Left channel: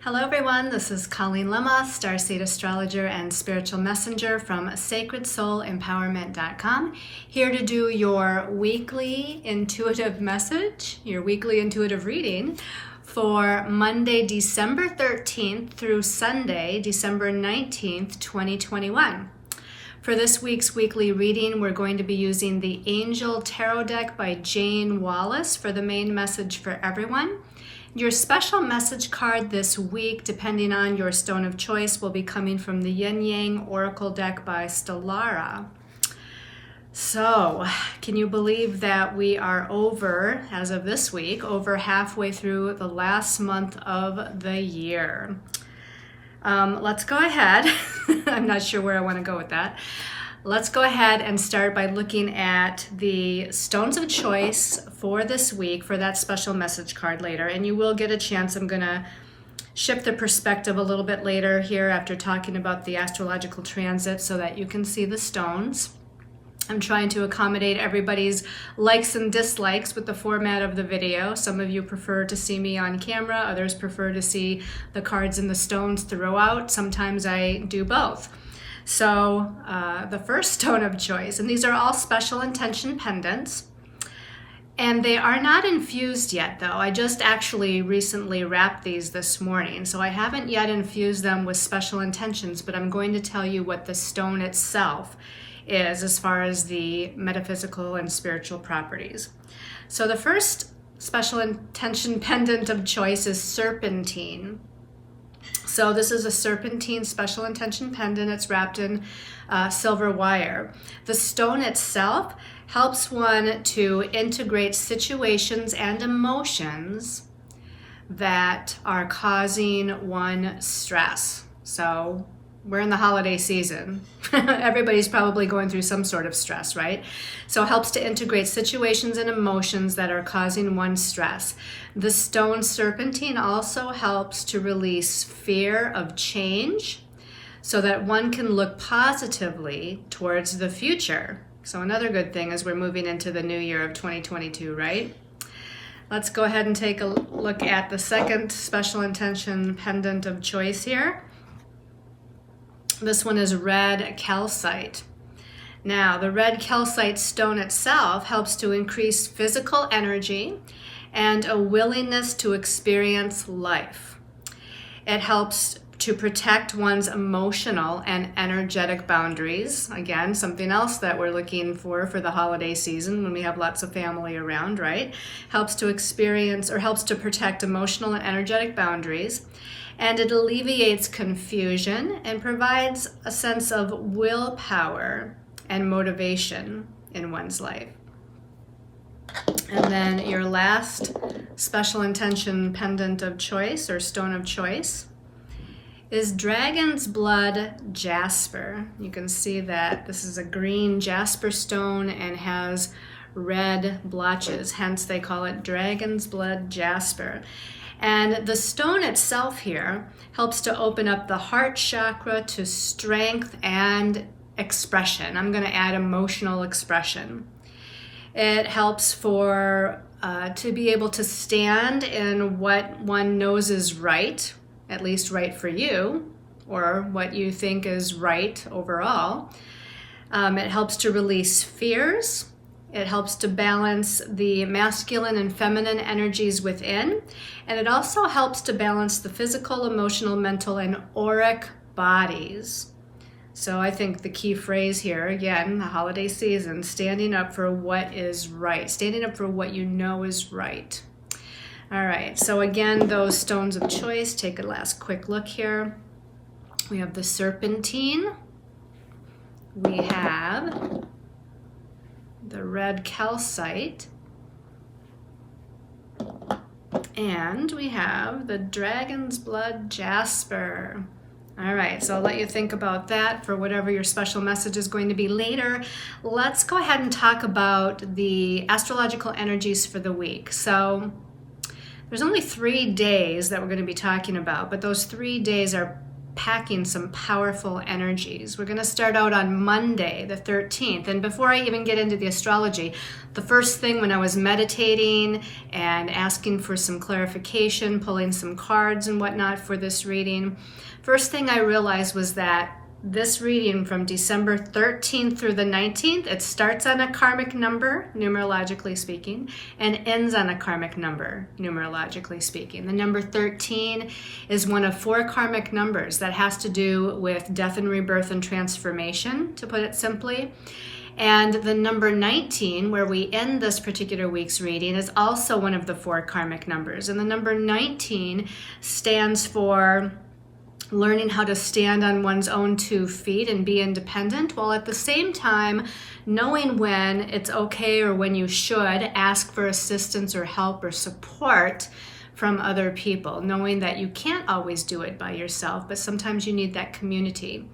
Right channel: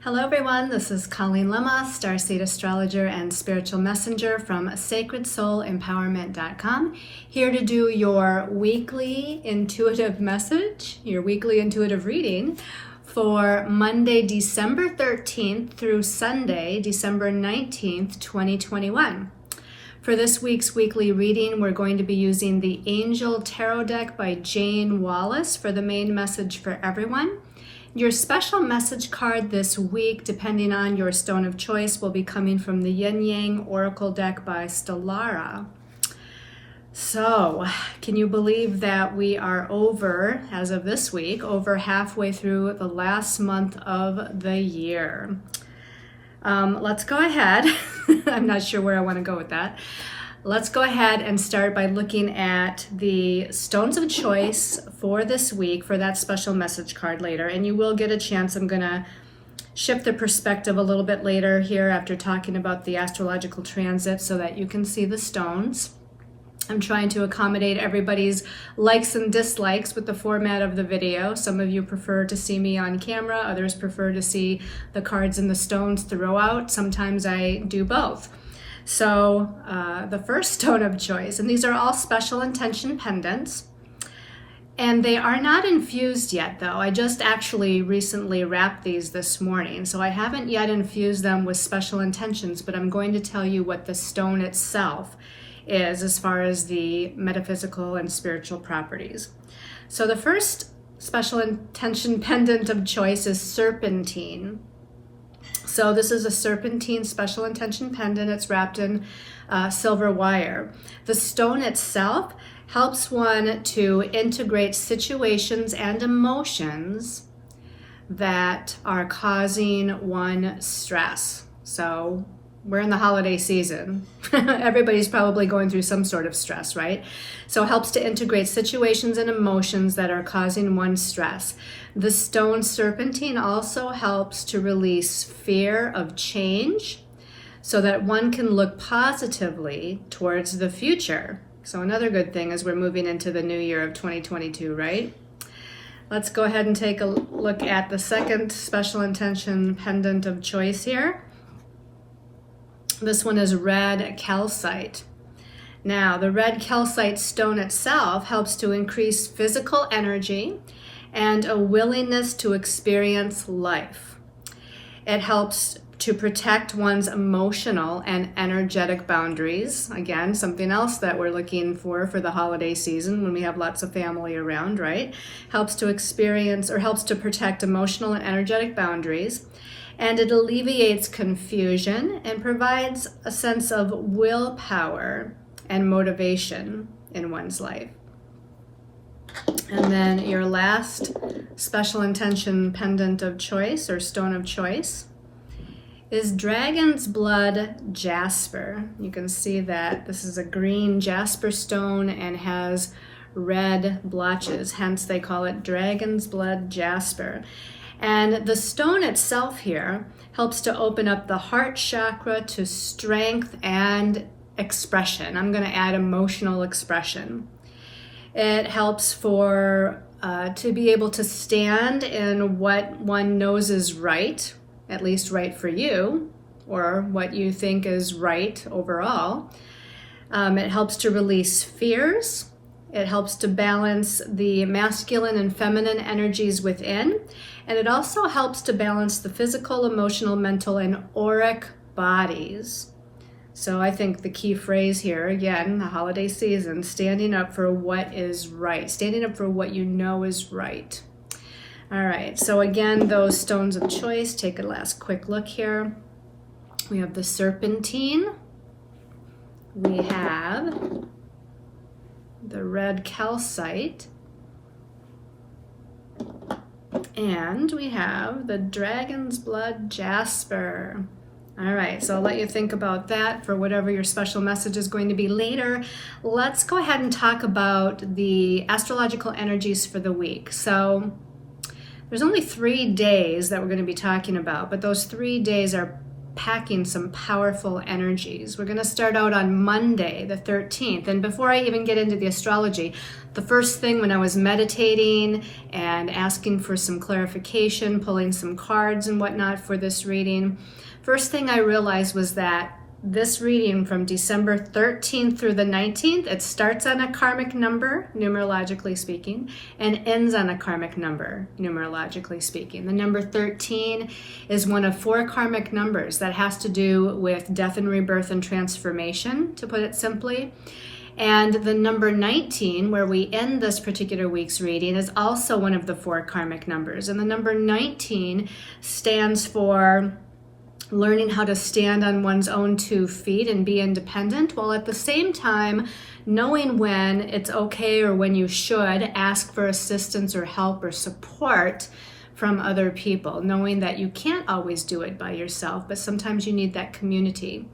Hello everyone, this is Colleen Lemma, Starseed Astrologer and Spiritual Messenger from SacredSoulEmpowerment.com, here to do your weekly intuitive message, your weekly intuitive reading for Monday, December 13th through Sunday, December 19th, 2021. For this week's weekly reading, we're going to be using the Angel Tarot deck by Jane Wallace for the main message for everyone. Your special message card this week, depending on your stone of choice, will be coming from the Yin Yang Oracle deck by Stellara. So, can you believe that we are over, as of this week, over halfway through the last month of the year? Let's go ahead. I'm not sure where I want to go with that. Let's go ahead and start by looking at the stones of choice for this week for that special message card later. And you will get a chance. I'm going to shift the perspective a little bit later here after talking about the astrological transit so that you can see the stones. I'm trying to accommodate everybody's likes and dislikes with the format of the video. Some of you prefer to see me on camera. Others prefer to see the cards and the stones throughout. Sometimes I do both. So the first stone of choice, and these are all special intention pendants, and they are not infused yet though. I just actually recently wrapped these this morning, so I haven't yet infused them with special intentions, but I'm going to tell you what the stone itself is as far as the metaphysical and spiritual properties. So the first special intention pendant of choice is serpentine. So this is a serpentine special intention pendant. It's wrapped in silver wire. The stone itself helps one to integrate situations and emotions that are causing one stress. So we're in the holiday season. Everybody's probably going through some sort of stress, right? So it helps to integrate situations and emotions that are causing one stress. The stone serpentine also helps to release fear of change so that one can look positively towards the future. So another good thing as we're moving into the new year of 2022, right? Let's go ahead and take a look at the second special intention pendant of choice here. This one is red calcite. Now, the red calcite stone itself helps to increase physical energy and a willingness to experience life. It helps to protect one's emotional and energetic boundaries. Again, something else that we're looking for the holiday season when we have lots of family around, right? Helps to experience or helps to protect emotional and energetic boundaries. And it alleviates confusion and provides a sense of willpower and motivation in one's life. And then your last special intention pendant of choice or stone of choice is dragon's blood jasper. You can see that this is a green jasper stone and has red blotches, hence they call it dragon's blood jasper. And the stone itself here helps to open up the heart chakra to strength and expression. I'm going to add emotional expression. It helps for to be able to stand in what one knows is right, at least right for you, or what you think is right overall. It helps to release fears. It helps to balance the masculine and feminine energies within. And it also helps to balance the physical, emotional, mental, and auric bodies. So I think the key phrase here, again, the holiday season, standing up for what is right, standing up for what you know is right. All right, so again, those stones of choice, take a last quick look here. We have the serpentine. We have the red calcite, and we have the dragon's blood jasper. All right, so I'll let you think about that for whatever your special message is going to be later. Let's go ahead and talk about the astrological energies for the week. So there's only 3 days that we're going to be talking about, but those 3 days are packing some powerful energies. We're going to start out on Monday, the 13th. And before I even get into the astrology, the first thing when I was meditating and asking for some clarification, pulling some cards and whatnot for this reading, first thing I realized was that this reading from December 13th through the 19th, it starts on a karmic number, numerologically speaking, and ends on a karmic number, numerologically speaking. The number 13 is one of 4 karmic numbers that has to do with death and rebirth and transformation, to put it simply. And the number 19, where we end this particular week's reading, is also one of the 4 karmic numbers. And the number 19 stands for learning how to stand on one's own 2 feet and be independent, while at the same time knowing when it's okay or when you should ask for assistance or help or support from other people, knowing that you can't always do it by yourself, but sometimes you need that community.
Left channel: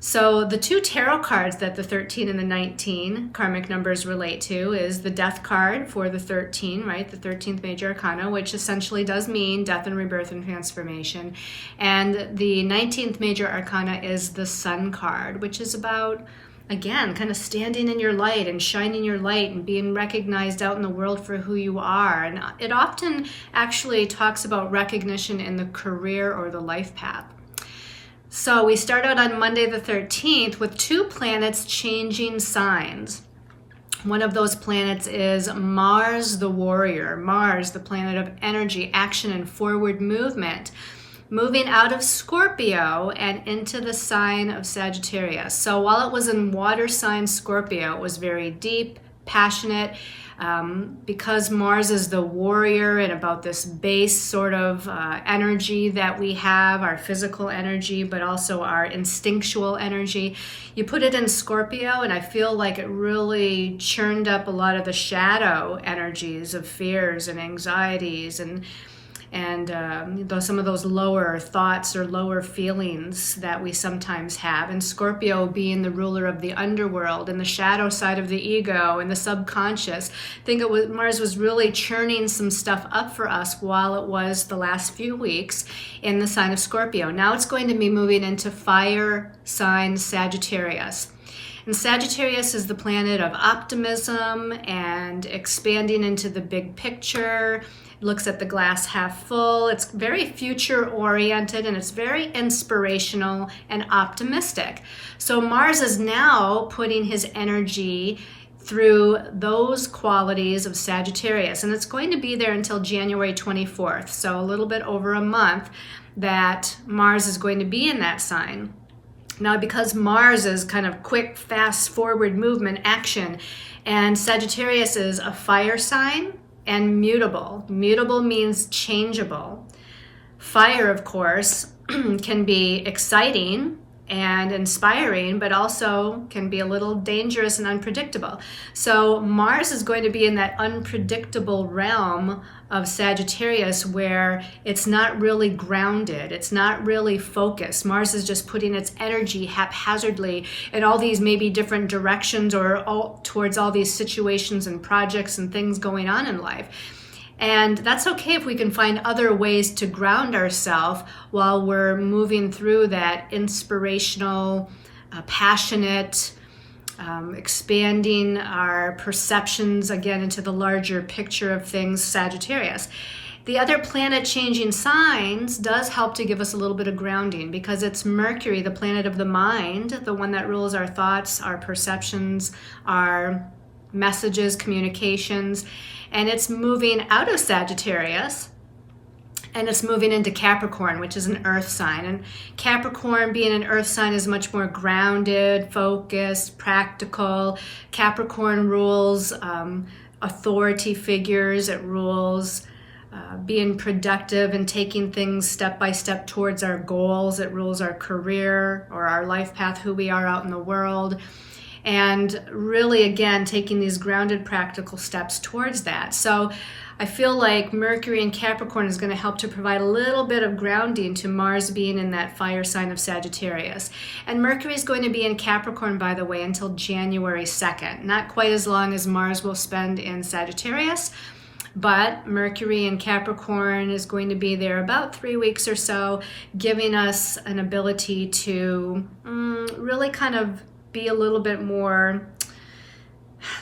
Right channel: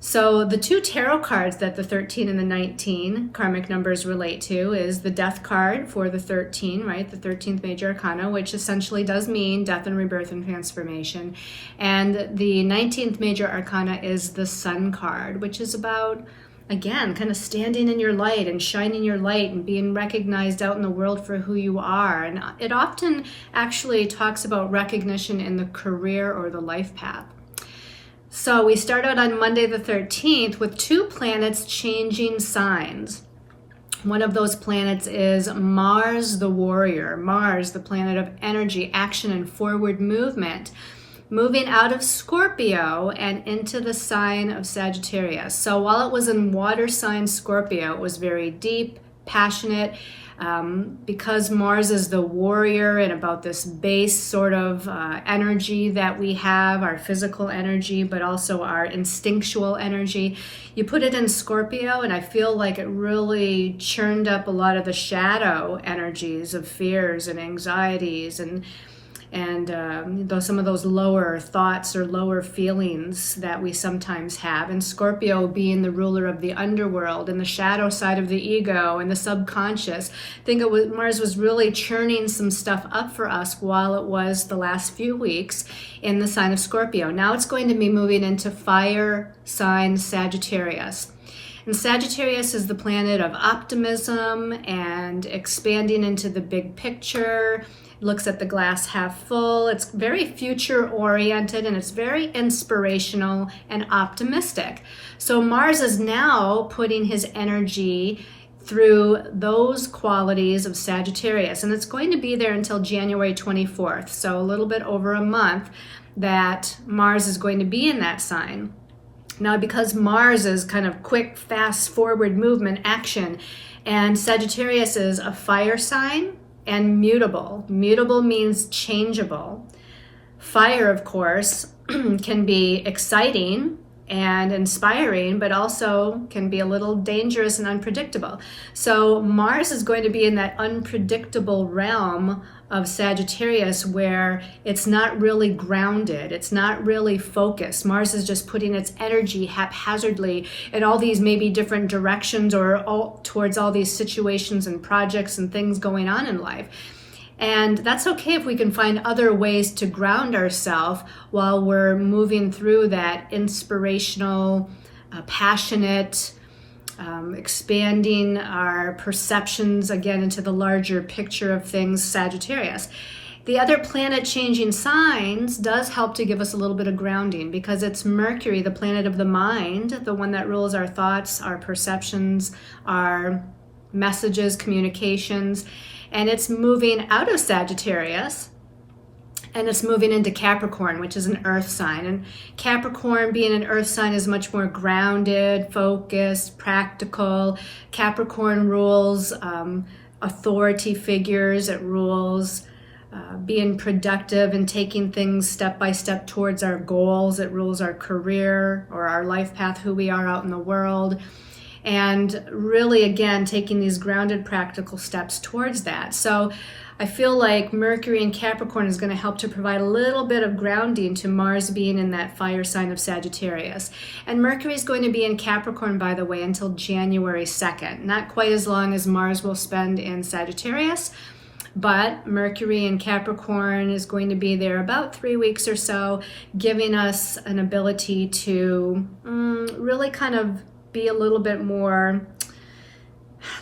So the 2 tarot cards that the 13 and the 19 karmic numbers relate to is the death card for the 13, right? The 13th major arcana, which essentially does mean death and rebirth and transformation. And the 19th major arcana is the sun card, which is about, again, kind of standing in your light and shining your light and being recognized out in the world for who you are. And it often actually talks about recognition in the career or the life path. So we start out on Monday the 13th with 2 planets changing signs. One of those planets is Mars the warrior, Mars, the planet of energy, action, and forward movement, moving out of Scorpio and into the sign of Sagittarius. So while it was in water sign Scorpio, it was very deep, passionate, because Mars is the warrior and about this base sort of energy that we have, our physical energy, but also our instinctual energy. You put it in Scorpio, and I feel like it really churned up a lot of the shadow energies of fears and anxieties and some of those lower thoughts or lower feelings that we sometimes have. And Scorpio being the ruler of the underworld and the shadow side of the ego and the subconscious. I think Mars was really churning some stuff up for us while it was the last few weeks in the sign of Scorpio. Now it's going to be moving into fire sign Sagittarius. And Sagittarius is the planet of optimism and expanding into the big picture. It looks at the glass half full. It's very future oriented and it's very inspirational and optimistic. So Mars is now putting his energy through those qualities of Sagittarius. And it's going to be there until January 24th. So a little bit over a month that Mars is going to be in that sign. Now, because Mars is kind of quick, fast, forward movement, action, and Sagittarius is a fire sign and mutable. Mutable means changeable. Fire, of course, can be exciting and inspiring, but also can be a little dangerous and unpredictable. So Mars is going to be in that unpredictable realm of Sagittarius where it's not really grounded, it's not really focused. Mars is just putting its energy haphazardly in all these maybe different directions or towards all these situations and projects and things going on in life. And that's okay if we can find other ways to ground ourselves while we're moving through that inspirational, passionate, expanding our perceptions again into the larger picture of things, Sagittarius. The other planet changing signs does help to give us a little bit of grounding because it's Mercury, the planet of the mind, the one that rules our thoughts, our perceptions, our messages, communications. And it's moving out of Sagittarius and it's moving into Capricorn, which is an earth sign. And Capricorn, being an earth sign, is much more grounded, focused, practical. Capricorn rules authority figures. It rules being productive and taking things step by step towards our goals. It rules our career or our life path, who we are out in the world. And really, again, taking these grounded, practical steps towards that. So I feel like Mercury in Capricorn is going to help to provide a little bit of grounding to Mars being in that fire sign of Sagittarius. And Mercury is going to be in Capricorn, by the way, until January 2nd. Not quite as long as Mars will spend in Sagittarius, But Mercury in Capricorn is going to be there about 3 weeks or so, giving us an ability to really kind of be a little bit more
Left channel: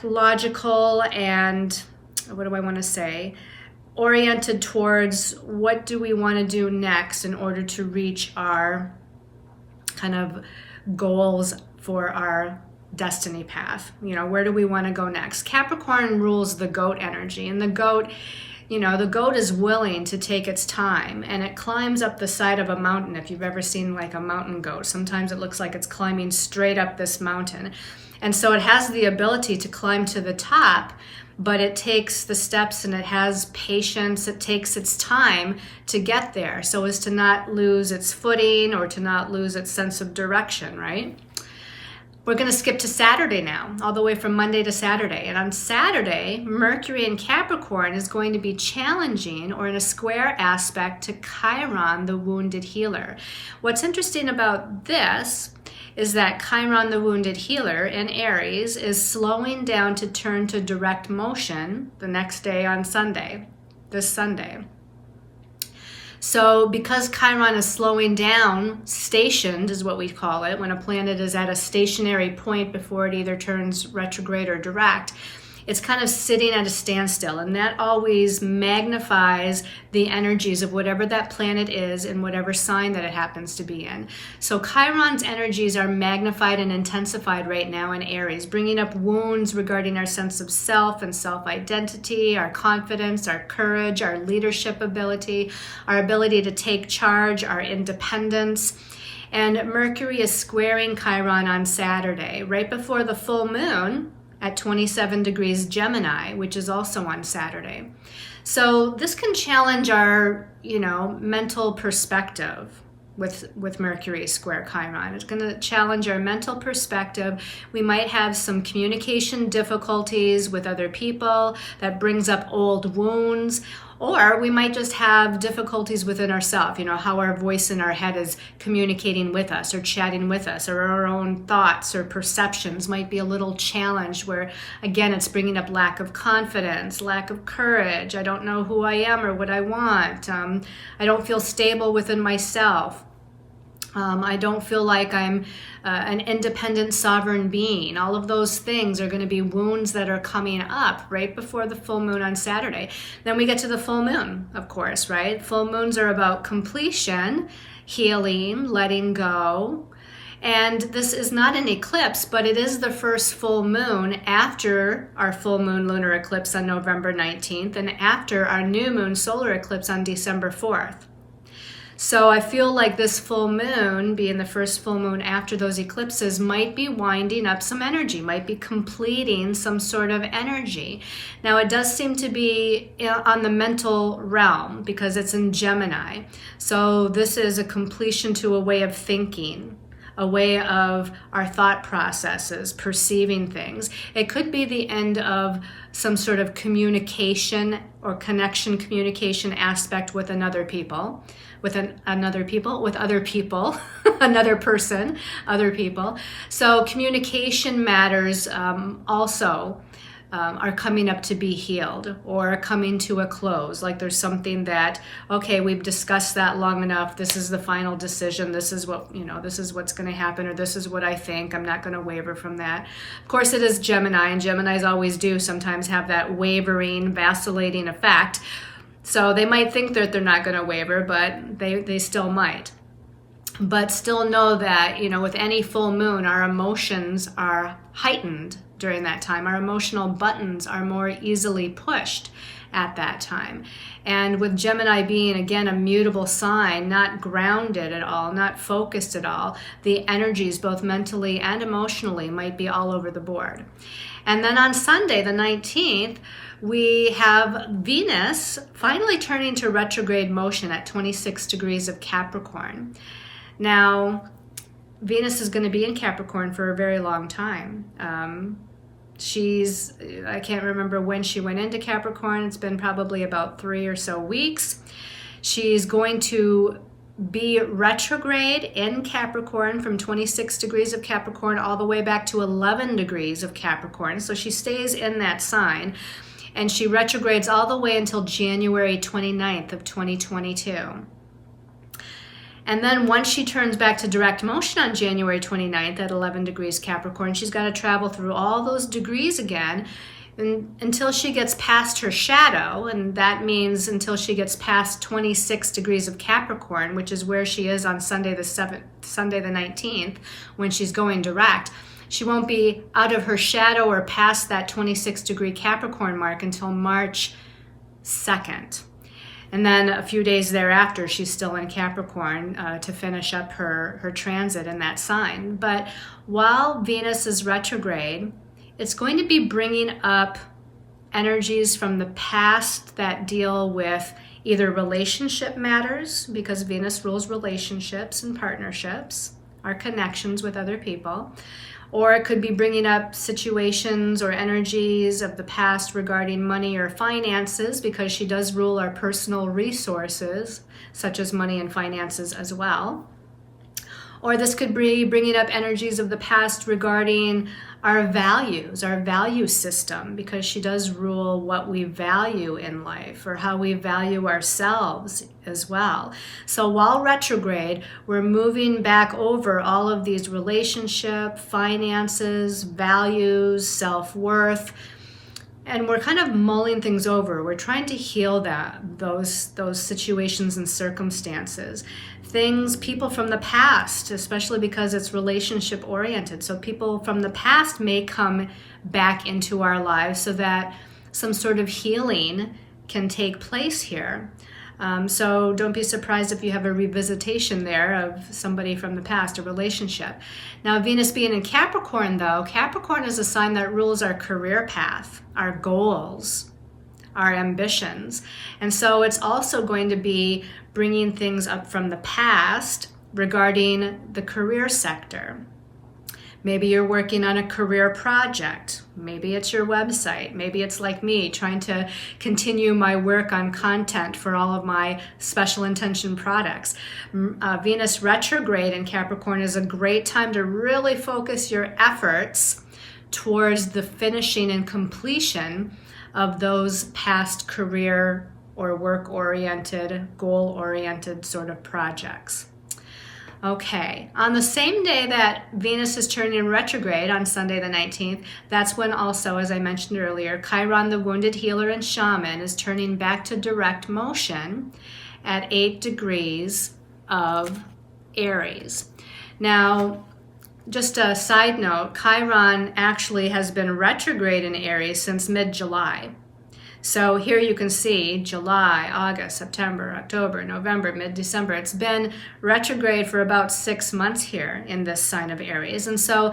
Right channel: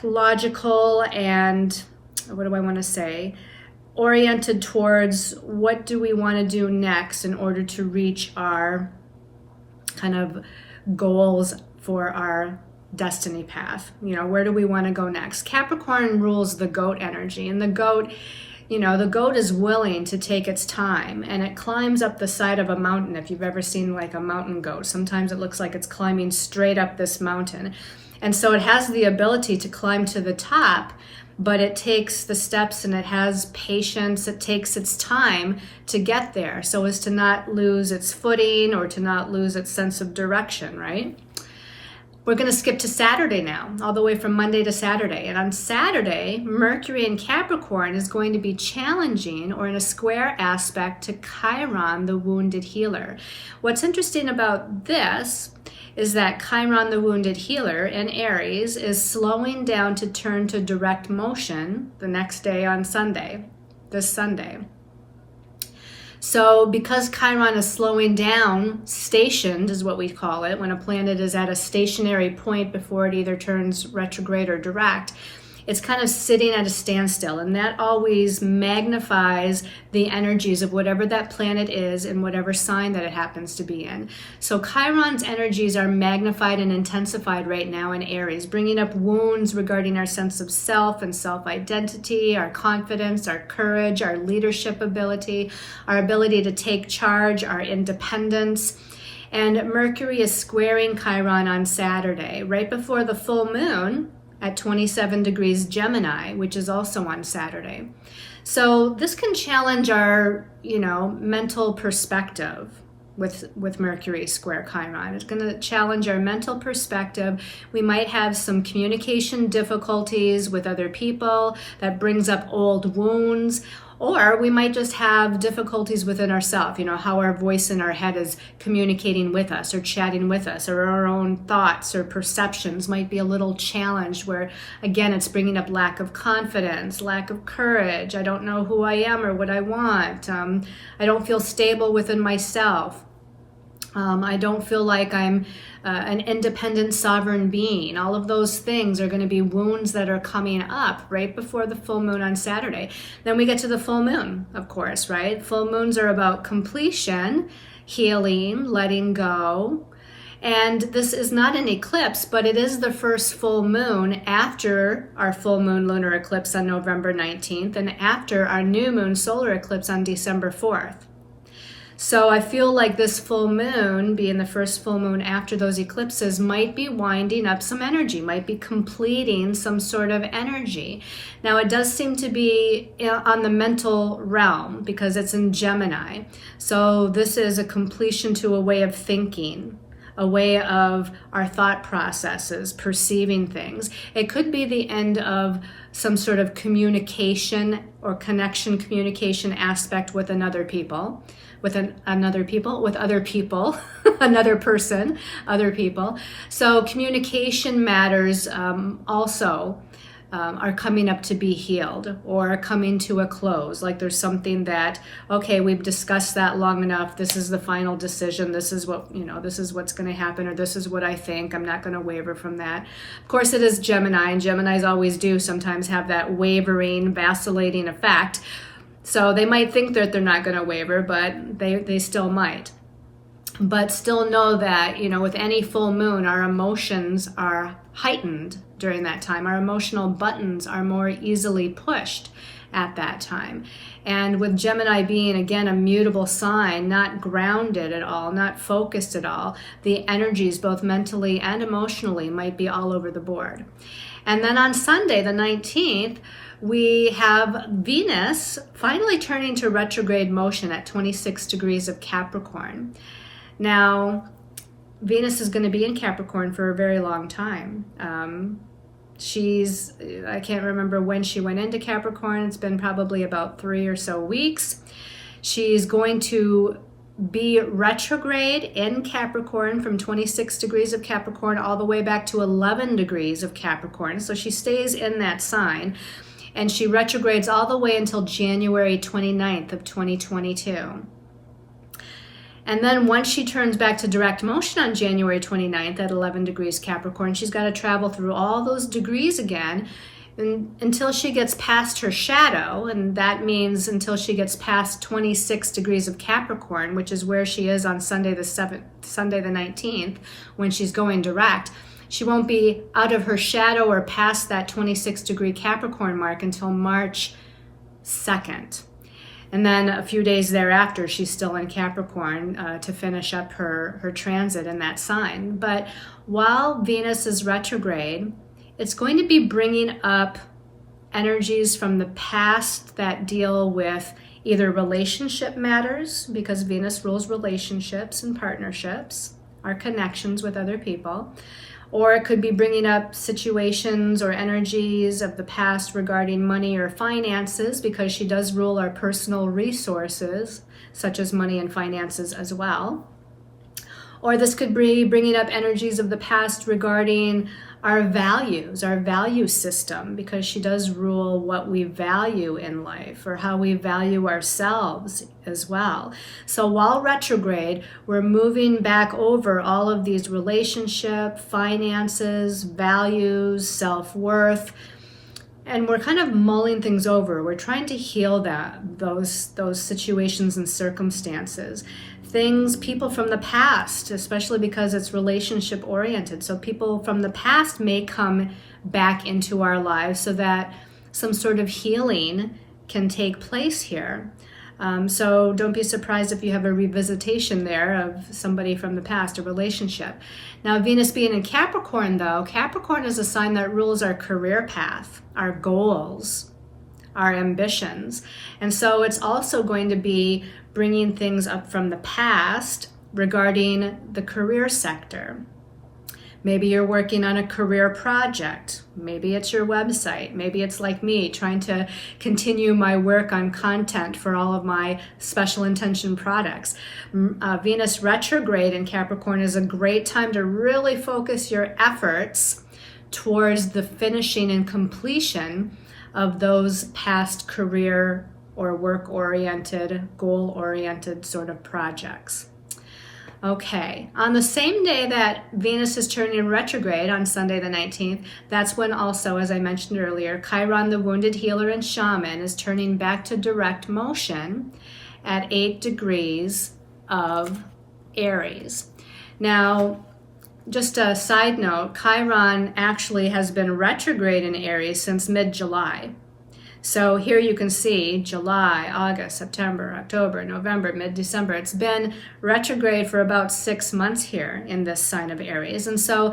logical and, what do I want to say, oriented towards what do we want to do next in order to reach our kind of goals for our destiny path. Where do we want to go next? Capricorn rules the goat energy, and the goat is willing to take its time, and it climbs up the side of a mountain. If you've ever seen like a mountain goat, sometimes it looks like it's climbing straight up this mountain. And so it has the ability to climb to the top, but it takes the steps and it has patience. It takes its time to get there so as to not lose its footing or to not lose its sense of direction, right? We're going to skip to Saturday now, all the way from Monday to Saturday. And on Saturday, Mercury in Capricorn is going to be challenging or in a square aspect to Chiron, the wounded healer. What's interesting about this is that Chiron, the wounded healer in Aries, is slowing down to turn to direct motion the next day on Sunday, this Sunday. So because Chiron is slowing down, stationed is what we call it, when a planet is at a stationary point before it either turns retrograde or direct, it's kind of sitting at a standstill, and that always magnifies the energies of whatever that planet is in whatever sign that it happens to be in. So Chiron's energies are magnified and intensified right now in Aries, bringing up wounds regarding our sense of self and self-identity, our confidence, our courage, our leadership ability, our ability to take charge, our independence. And Mercury is squaring Chiron on Saturday, right before the full moon, at 27 degrees Gemini, which is also on Saturday. So this can challenge our, mental perspective with Mercury square Chiron. It's going to challenge our mental perspective. We might have some communication difficulties with other people that brings up old wounds, or we might just have difficulties within ourselves, how our voice in our head is communicating with us or chatting with us, or our own thoughts or perceptions might be a little challenged where, again, it's bringing up lack of confidence, lack of courage. I don't know who I am or what I want. I don't feel stable within myself. I don't feel like I'm an independent sovereign being. All of those things are going to be wounds that are coming up right before the full moon on Saturday. Then we get to the full moon, of course, right? Full moons are about completion, healing, letting go. And this is not an eclipse, but it is the first full moon after our full moon lunar eclipse on November 19th and after our new moon solar eclipse on December 4th. So I feel like this full moon, being the first full moon after those eclipses, might be winding up some energy, might be completing some sort of energy. Now it does seem to be on the mental realm because it's in Gemini. So this is a completion to a way of thinking, a way of our thought processes, perceiving things. It could be the end of some sort of communication or connection communication aspect with other people, another person, other people. So communication matters also are coming up to be healed or coming to a close. Like there's something that, okay, we've discussed that long enough. This is the final decision. This is what, this is what's going to happen, or this is what I think. I'm not going to waver from that. Of course, it is Gemini, and Geminis always do sometimes have that wavering, vacillating effect. So they might think that they're not going to waver, but they still might. But still know that, with any full moon, our emotions are heightened during that time. Our emotional buttons are more easily pushed at that time. And with Gemini being, again, a mutable sign, not grounded at all, not focused at all, the energies, both mentally and emotionally, might be all over the board. And then on Sunday, the 19th, we have Venus finally turning to retrograde motion at 26 degrees of Capricorn. Now, Venus is going to be in Capricorn for a very long time. I can't remember when she went into Capricorn. It's been probably about 3 or so weeks. She's going to be retrograde in Capricorn from 26 degrees of Capricorn all the way back to 11 degrees of Capricorn. So she stays in that sign. and she retrogrades all the way until January 29th of 2022. And then once she turns back to direct motion on January 29th at 11 degrees Capricorn, she's got to travel through all those degrees again until she gets past her shadow, and that means until she gets past 26 degrees of Capricorn, which is where she is on Sunday the 19th, when she's going direct. She won't be out of her shadow or past that 26 degree Capricorn mark until March 2nd. And then a few days thereafter, she's still in Capricorn to finish up her transit in that sign. But while Venus is retrograde, it's going to be bringing up energies from the past that deal with either relationship matters, because Venus rules relationships and partnerships, our connections with other people, or it could be bringing up situations or energies of the past regarding money or finances, because she does rule our personal resources, such as money and finances as well. Or this could be bringing up energies of the past regarding our values, our value system, because she does rule what we value in life or how we value ourselves as well. So while retrograde, we're moving back over all of these relationship, finances, values, self-worth, and we're kind of mulling things over. We're trying to heal those situations and circumstances. People from the past, especially because it's relationship oriented. So people from the past may come back into our lives so that some sort of healing can take place here. So don't be surprised if you have a revisitation there of somebody from the past, a relationship. Now, Venus being in Capricorn, though, Capricorn is a sign that rules our career path, our goals, our ambitions. And so it's also going to be bringing things up from the past regarding the career sector. Maybe you're working on a career project. Maybe it's your website. Maybe it's like me, trying to continue my work on content for all of my special intention products. Venus retrograde in Capricorn is a great time to really focus your efforts towards the finishing and completion of those past career or work-oriented, goal-oriented sort of projects. Okay, on the same day that Venus is turning retrograde on Sunday the 19th, that's when also, as I mentioned earlier, Chiron, the wounded healer and shaman, is turning back to direct motion at 8 degrees of Aries. Now, just a side note, Chiron actually has been retrograde in Aries since mid-July. So here you can see July, August, September, October, November, mid-December. It's been retrograde for about 6 months here in this sign of Aries. And so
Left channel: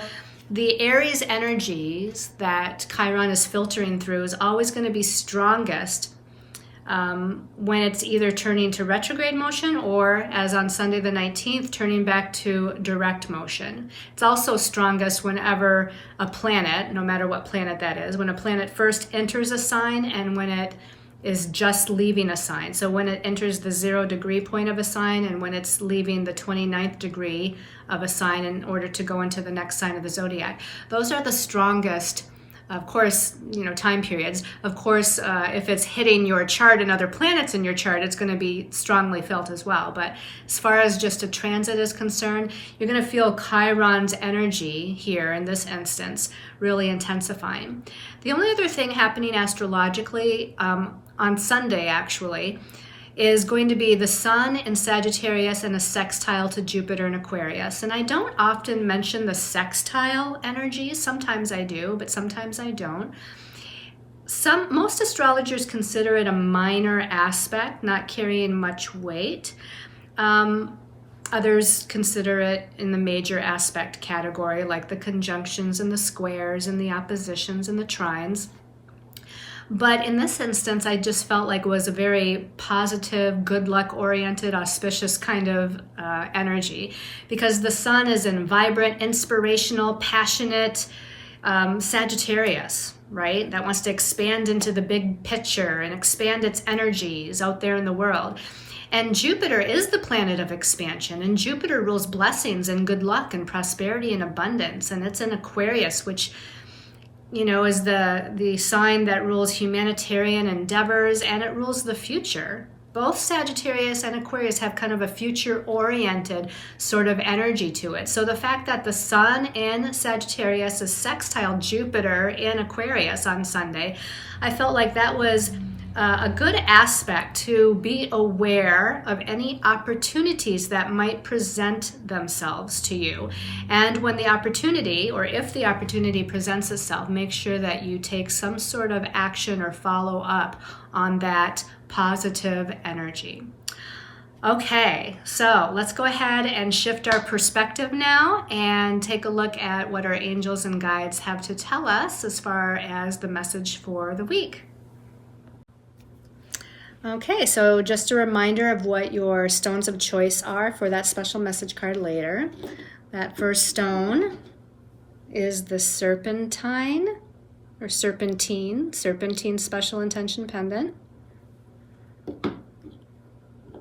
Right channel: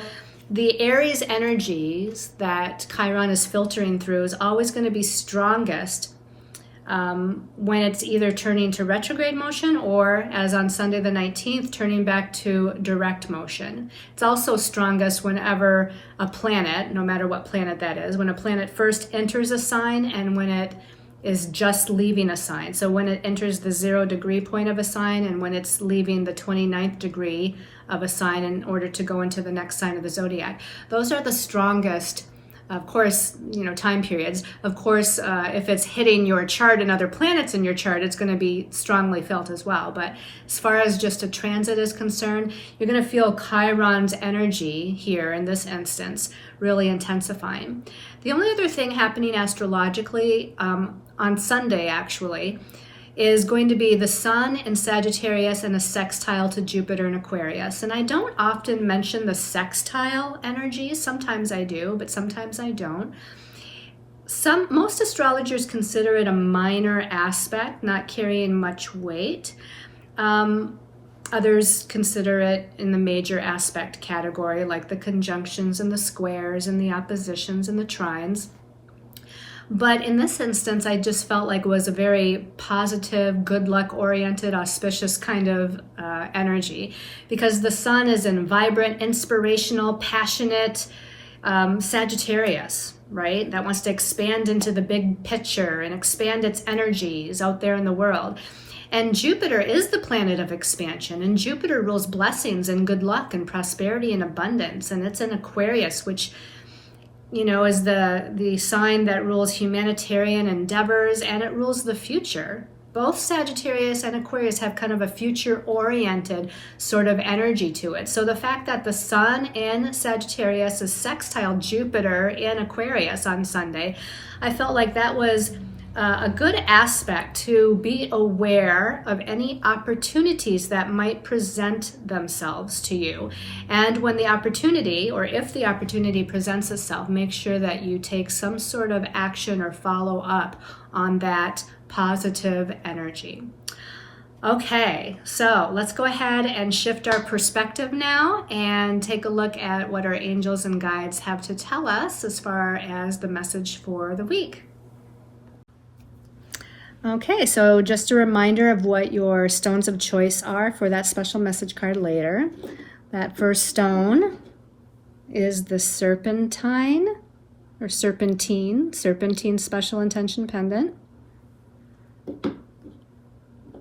the Aries energies that Chiron is filtering through is always going to be strongest when it's either turning to retrograde motion or, as on Sunday the 19th, turning back to direct motion. It's also strongest whenever a planet, no matter what planet that is, when a planet first enters a sign and when it is just leaving a sign. So when it enters the 0 degree point of a sign and when it's leaving the 29th degree of a sign in order to go into the next sign of the zodiac. Those are the strongest, of course, time periods. Of course, if it's hitting your chart and other planets in your chart, it's going to be strongly felt as well. But as far as just a transit is concerned, you're going to feel Chiron's energy here in this instance really intensifying. The only other thing happening astrologically on Sunday, actually, is going to be the Sun in Sagittarius and a sextile to Jupiter in Aquarius. And I don't often mention the sextile energies. Sometimes I do, but sometimes I don't. Most astrologers consider it a minor aspect, not carrying much weight. Others consider it in the major aspect category, like the conjunctions and the squares and the oppositions and the trines. But in this instance, I just felt like it was a very positive, good luck oriented, auspicious kind of energy, because the Sun is in vibrant, inspirational, passionate Sagittarius, right? That wants to expand into the big picture and expand its energies out there in the world. And Jupiter is the planet of expansion, and Jupiter rules blessings and good luck and prosperity and abundance. And it's in Aquarius, which is the sign that rules humanitarian endeavors, and it rules the future. Both Sagittarius and Aquarius have kind of a future-oriented sort of energy to it. So the fact that the sun in Sagittarius is sextile Jupiter in Aquarius on Sunday, I felt like that was a good aspect to be aware of any opportunities that might present themselves to you. And when the opportunity, or if the opportunity presents itself, make sure that you take some sort of action or follow up on that positive energy. Okay, so let's go ahead and shift our perspective now and take a look at what our angels and guides have to tell us as far as the message for the week. Okay, so just a reminder of what your stones of choice are for that special message card later. That first stone is the serpentine special intention pendant.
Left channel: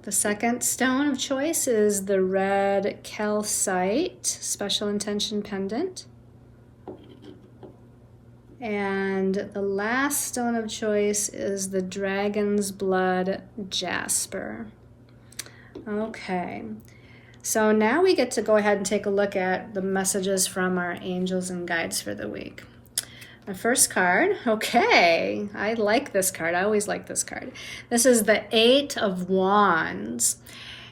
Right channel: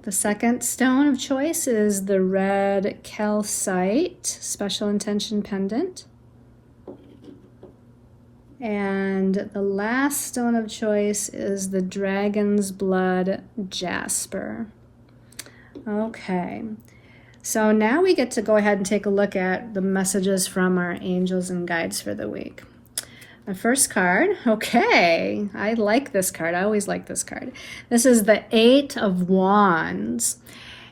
The second stone of choice is the red calcite special intention pendant. And the last stone of choice is the dragon's blood jasper. Okay, so now we get to go ahead and take a look at the messages from our angels and guides for the week. The first card, okay, I like this card. I always like this card. This is the 8 of Wands,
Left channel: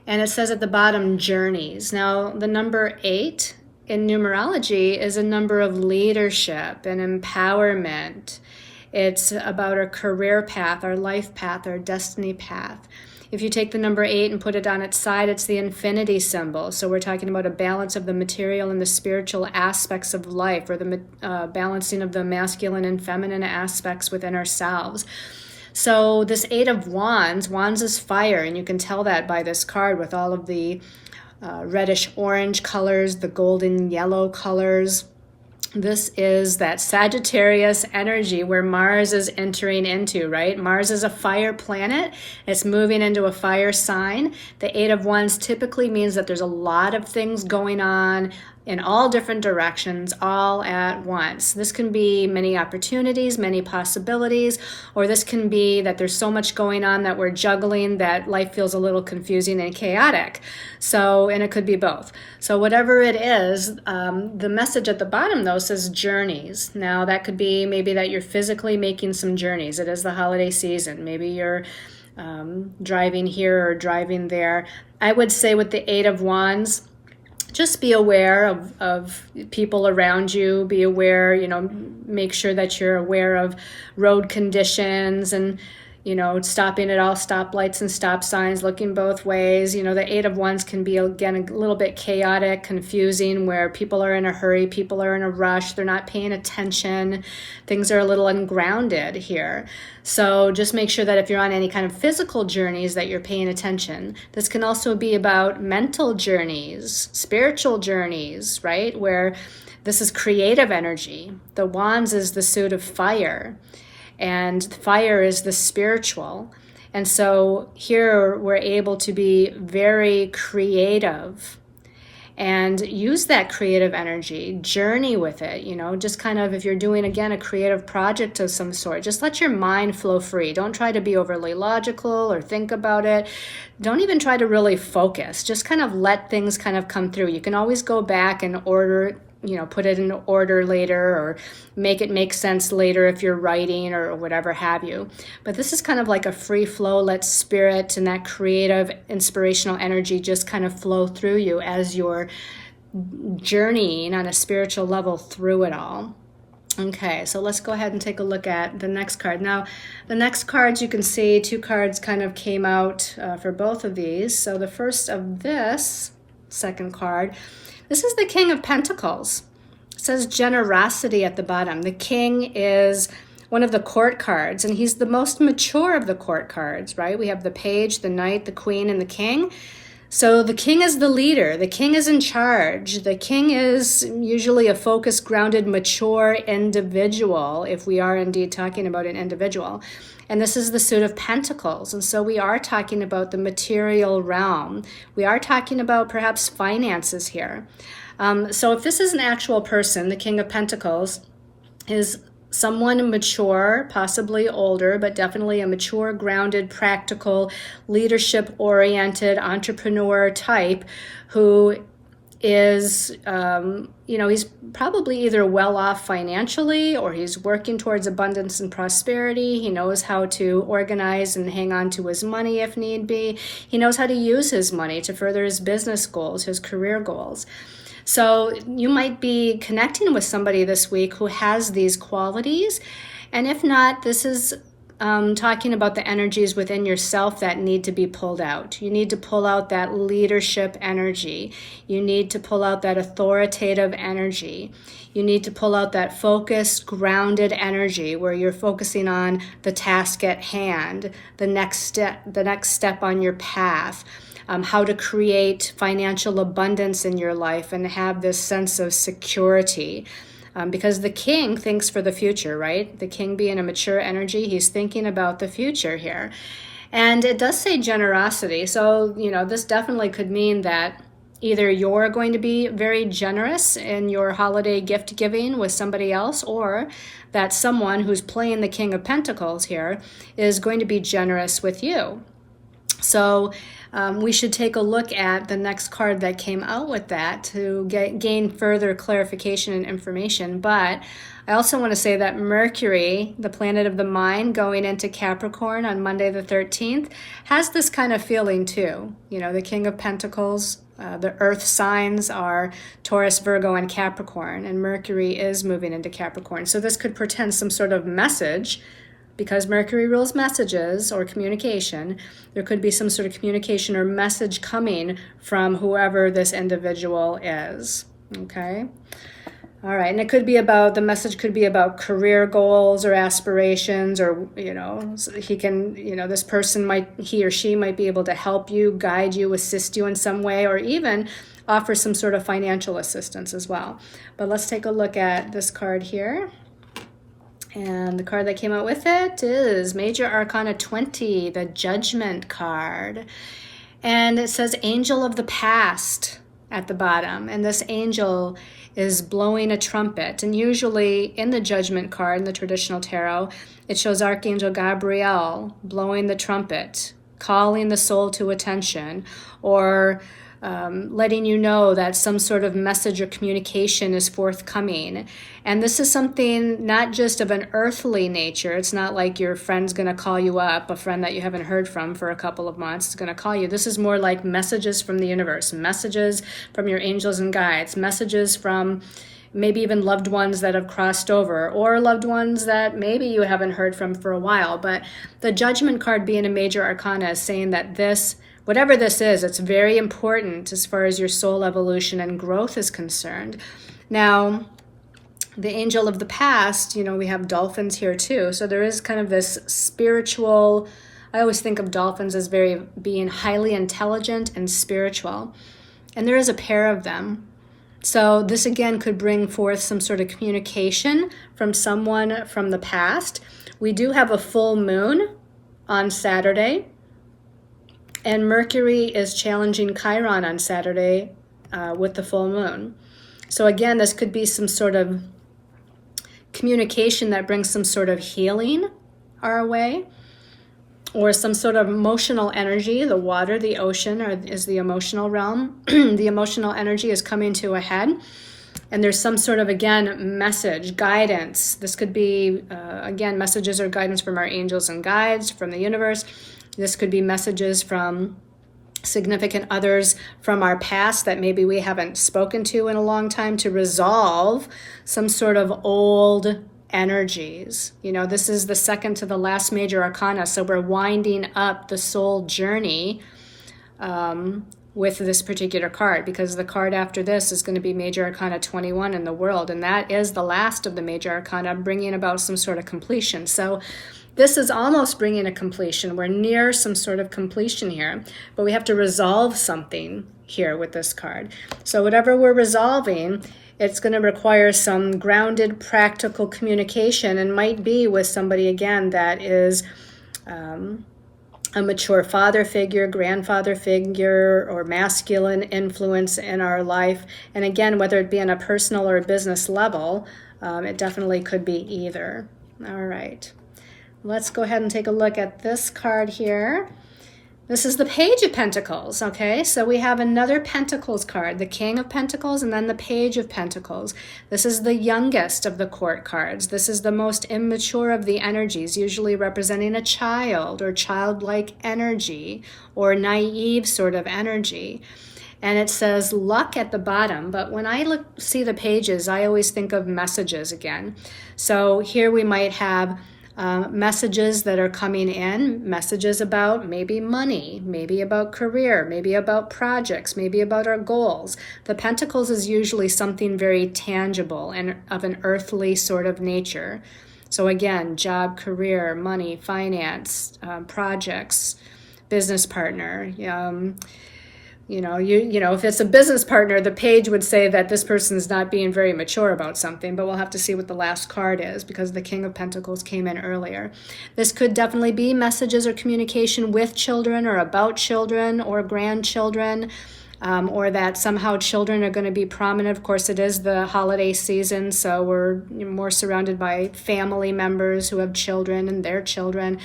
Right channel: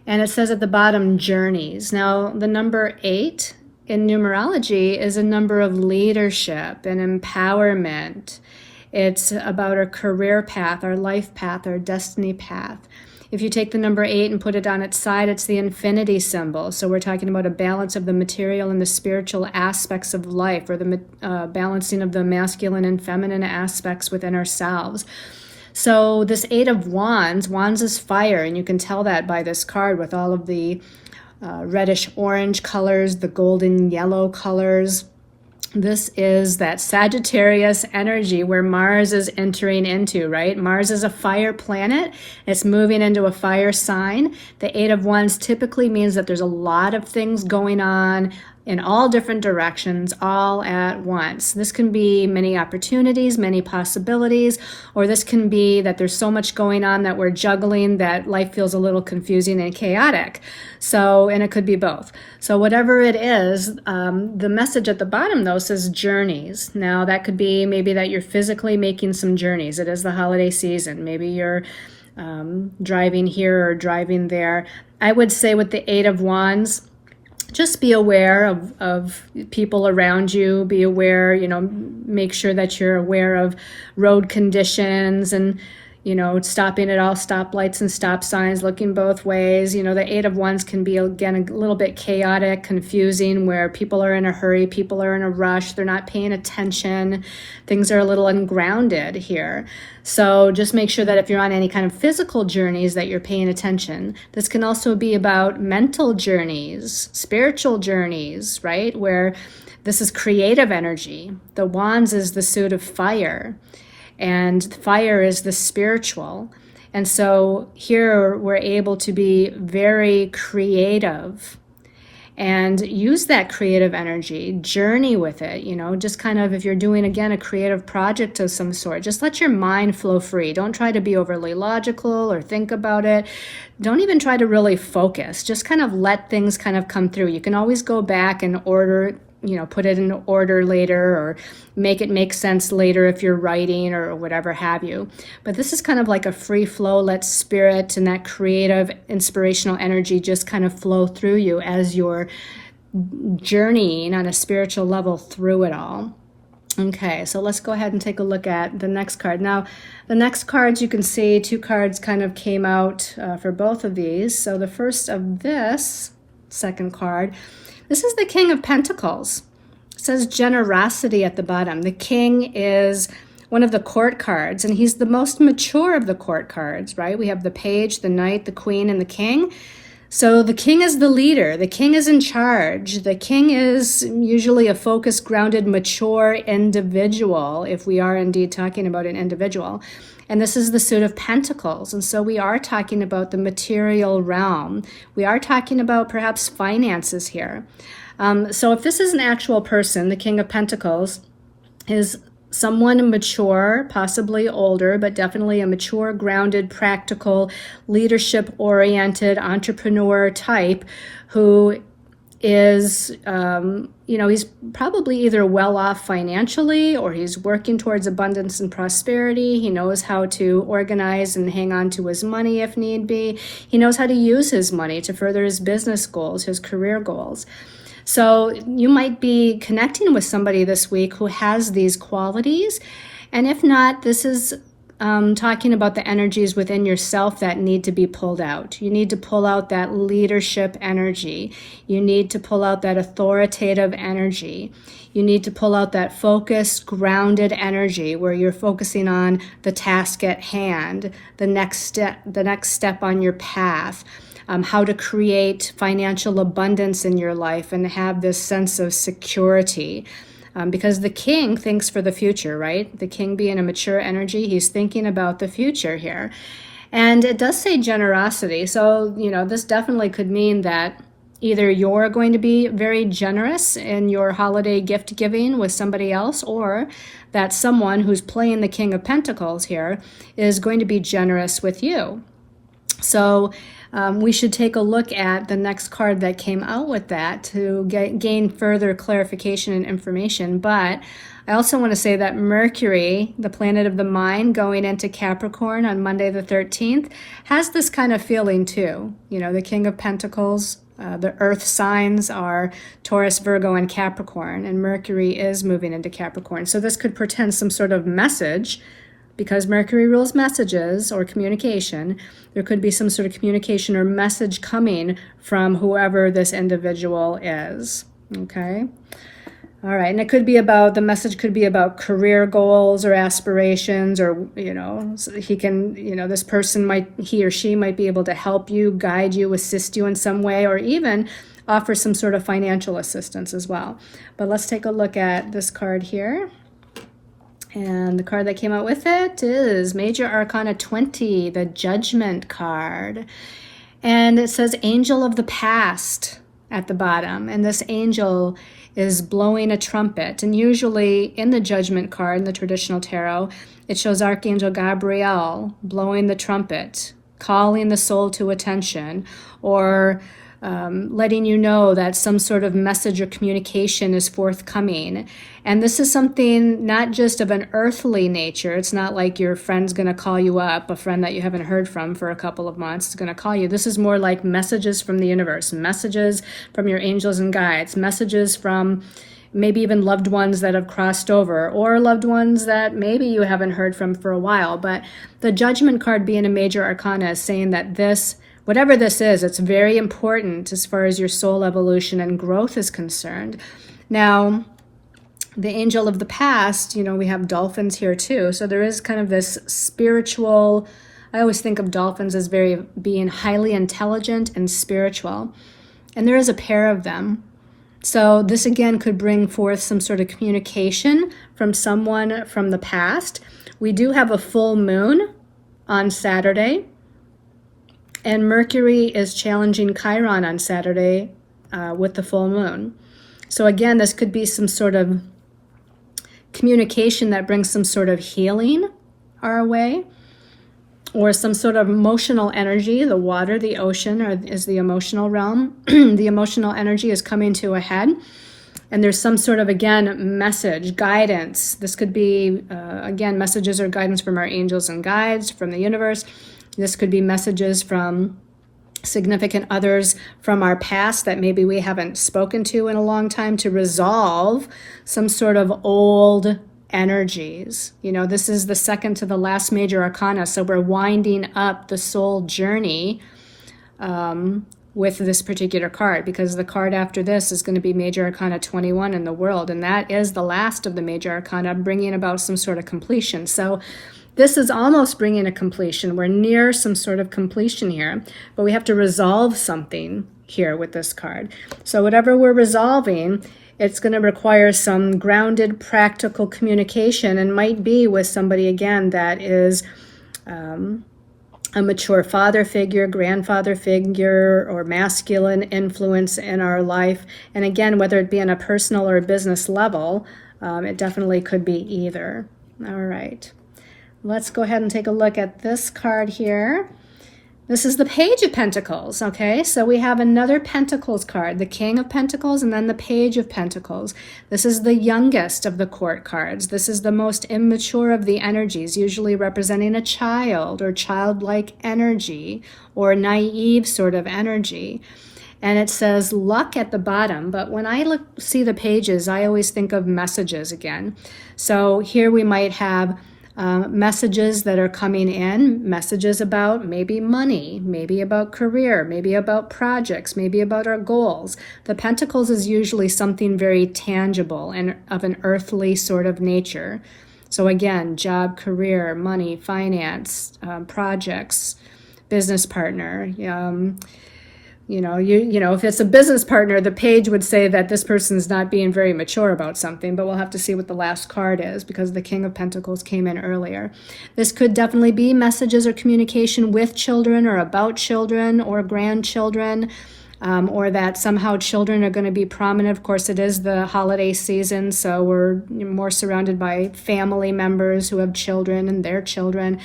and it says at the bottom, journeys. Now, the number 8 in numerology is a number of leadership and empowerment. It's about our career path, our life path, our destiny path. If you take the number 8 and put it on its side, it's the infinity symbol. So we're talking about a balance of the material and the spiritual aspects of life, or the balancing of the masculine and feminine aspects within ourselves. So this 8 of Wands is fire, and you can tell that by this card with all of the reddish orange colors, the golden yellow colors. This is that Sagittarius energy where Mars is entering into, right? Mars is a fire planet. It's moving into a fire sign. The 8 of Wands typically means that there's a lot of things going on in all different directions, all at once. This can be many opportunities, many possibilities, or this can be that there's so much going on that we're juggling that life feels a little confusing and chaotic. And it could be both. So whatever it is, the message at the bottom, though, says journeys. Now, that could be maybe that you're physically making some journeys. It is the holiday season. Maybe you're driving here or driving there. I would say with the 8 of Wands, just be aware of people around you. Be aware, make sure that you're aware of road conditions and, stopping at all stoplights and stop signs, looking both ways. The 8 of Wands can be, again, a little bit chaotic, confusing, where people are in a hurry, people are in a rush, they're not paying attention. Things are a little ungrounded here. So just make sure that if you're on any kind of physical journeys that you're paying attention. This can also be about mental journeys, spiritual journeys, right? Where this is creative energy. The Wands is the suit of fire, and fire is the spiritual. And so here we're able to be very creative and use that creative energy, journey with it, just kind of, if you're doing, again, a creative project of some sort, just let your mind flow free. Don't try to be overly logical or think about it. Don't even try to really focus. Just kind of let things kind of come through. You can always go back and put it in order later, or make it make sense later if you're writing or whatever have you. But this is kind of like a free flow. Let spirit and that creative, inspirational energy just kind of flow through you as you're journeying on a spiritual level through it all. Okay, so let's go ahead and take a look at the next card. Now, the next cards, you can see 2 cards kind of came out for both of these. So the first of this second card, this is the King of Pentacles. It says generosity at the bottom. The King is one of the court cards, and he's the most mature of the court cards, right? We have the Page, the Knight, the Queen, and the King. So the King is the leader. The King is in charge. The King is usually a focused, grounded, mature individual, if we are indeed talking about an individual. And this is the suit of Pentacles. And so we are talking about the material realm. We are talking about perhaps finances here. So if this is an actual person, the King of Pentacles is someone mature, possibly older, but definitely a mature, grounded, practical, leadership-oriented entrepreneur type who is, he's probably either well off financially, or he's working towards abundance and prosperity. He knows how to organize and hang on to his money if need be. He knows how to use his money to further his business goals, his career goals. So you might be connecting with somebody this week who has these qualities. And if not, this is talking about the energies within yourself that need to be pulled out. You need to pull out that leadership energy. You need to pull out that authoritative energy. You need to pull out that focused, grounded energy where you're focusing on the task at hand, the next step on your path. How to create financial abundance in your life and have this sense of security. Because the king thinks for the future, right? The king being a mature energy, he's thinking about the future here. And it does say generosity. So, this definitely could mean that either you're going to be very generous in your holiday gift giving with somebody else, or that someone who's playing the King of Pentacles here is going to be generous with you. So we should take a look at the next card that came out with that to gain further clarification and information. But I also want to say that Mercury, the planet of the mind, going into Capricorn on Monday the 13th, has this kind of feeling too. The King of Pentacles, the earth signs are Taurus, Virgo, and Capricorn, and Mercury is moving into Capricorn. So this could portend some sort of message. Because Mercury rules messages or communication, there could be some sort of communication or message coming from whoever this individual is. Okay? All right. And it could be the message could be about career goals or aspirations, or, so he can, this person he or she might be able to help you, guide you, assist you in some way, or even offer some sort of financial assistance as well. But let's take a look at this card here. And the card that came out with it is Major Arcana 20, the Judgment card. And it says Angel of the Past at the bottom. And this angel is blowing a trumpet. And usually in the Judgment card, in the traditional tarot, it shows Archangel Gabriel blowing the trumpet, calling the soul to attention, or letting you know that some sort of message or communication is forthcoming. And this is something not just of an earthly nature. It's not like your friend's going to call you up, a friend that you haven't heard from for a couple of months is going to call you. This is more like messages from the universe, messages from your angels and guides, messages from maybe even loved ones that have crossed over, or loved ones that maybe you haven't heard from for a while. But the Judgment card being a major arcana is saying that this, whatever this is, it's very important as far as your soul evolution and growth is concerned. Now, the angel of the past, we have dolphins here too. So there is kind of this spiritual, I always think of dolphins as being highly intelligent and spiritual. And there is a pair of them. So this again could bring forth some sort of communication from someone from the past. We do have a full moon on Saturday. And Mercury is challenging Chiron on Saturday with the full moon. So again, this could be some sort of communication that brings some sort of healing our way, or some sort of emotional energy. The water, the ocean, is the emotional realm. The emotional energy is coming to a head. And there's some sort of, again, message, guidance. This could be, again, messages or guidance from our angels and guides, from the universe. This could be messages from significant others from our past that maybe we haven't spoken to in a long time, to resolve some sort of old energies. This is the second to the last major arcana, so we're winding up the soul journey with this particular card, because the card after this is going to be Major Arcana 21 in the world, and that is the last of the major arcana, bringing about some sort of completion. So this is almost bringing a completion. We're near some sort of completion here, but we have to resolve something here with this card. So whatever we're resolving, it's going to require some grounded, practical communication, and might be with somebody, again, that is a mature father figure, grandfather figure, or masculine influence in our life. And again, whether it be on a personal or business level, It definitely could be either. All right. Let's go ahead and take a look at this card here. This is the Page of Pentacles, okay? So we have another Pentacles card, the King of Pentacles and then the Page of Pentacles. This is the youngest of the court cards. This is the most immature of the energies, usually representing a child or childlike energy or naive sort of energy. And it says luck at the bottom, but when I see the pages, I always think of messages again. So here we might have messages that are coming in, messages about maybe money, maybe about career, maybe about projects, maybe about our goals. The Pentacles is usually something very tangible and of an earthly sort of nature. So again, job, career, money, finance, projects, business partner. If it's a business partner, the page would say that this person's not being very mature about something, but we'll have to see what the last card is because the King of Pentacles came in earlier. This could definitely be messages or communication with children or about children or grandchildren, or that somehow children are going to be prominent. Of course, it is the holiday season, so we're more surrounded by family members who have children and their children.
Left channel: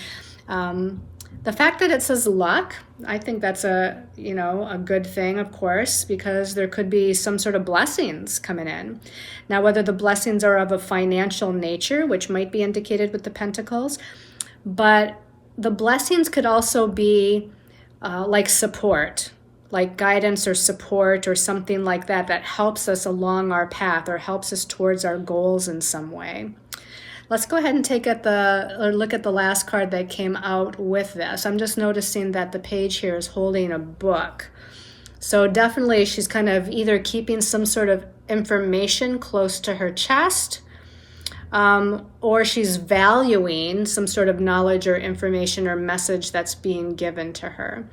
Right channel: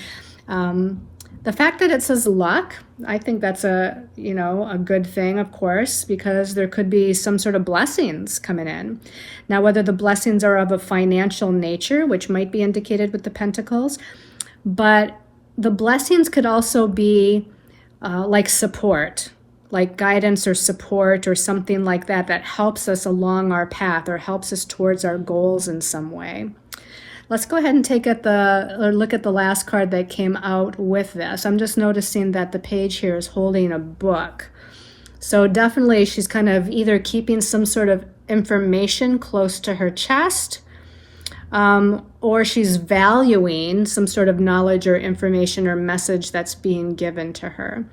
The fact that it says luck, I think that's a good thing, of course, because there could be some sort of blessings coming in. Now, whether the blessings are of a financial nature, which might be indicated with the Pentacles, but the blessings could also be like support, like guidance or support or something like that helps us along our path or helps us towards our goals in some way. Let's go ahead and look at the last card that came out with this. I'm just noticing that the page here is holding a book. So definitely she's kind of either keeping some sort of information close to her chest, or she's valuing some sort of knowledge or information or message that's being given to her.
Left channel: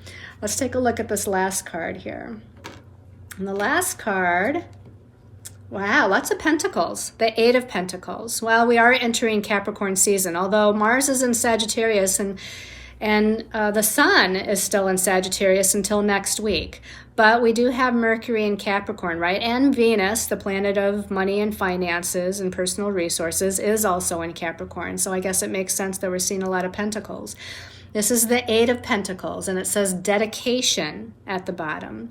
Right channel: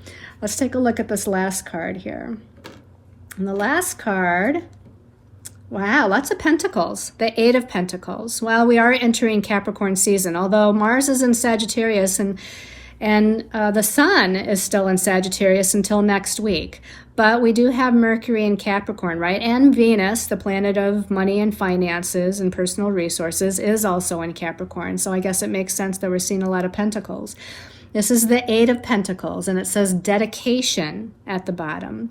Let's take a look at this last card here. And the last card, wow, lots of pentacles. The Eight of Pentacles. Well, we are entering Capricorn season, although Mars is in Sagittarius and the Sun is still in Sagittarius until next week. But we do have Mercury in Capricorn, right? And Venus, the planet of money and finances and personal resources, is also in Capricorn. So I guess it makes sense that we're seeing a lot of pentacles. This is the Eight of Pentacles, and it says dedication at the bottom.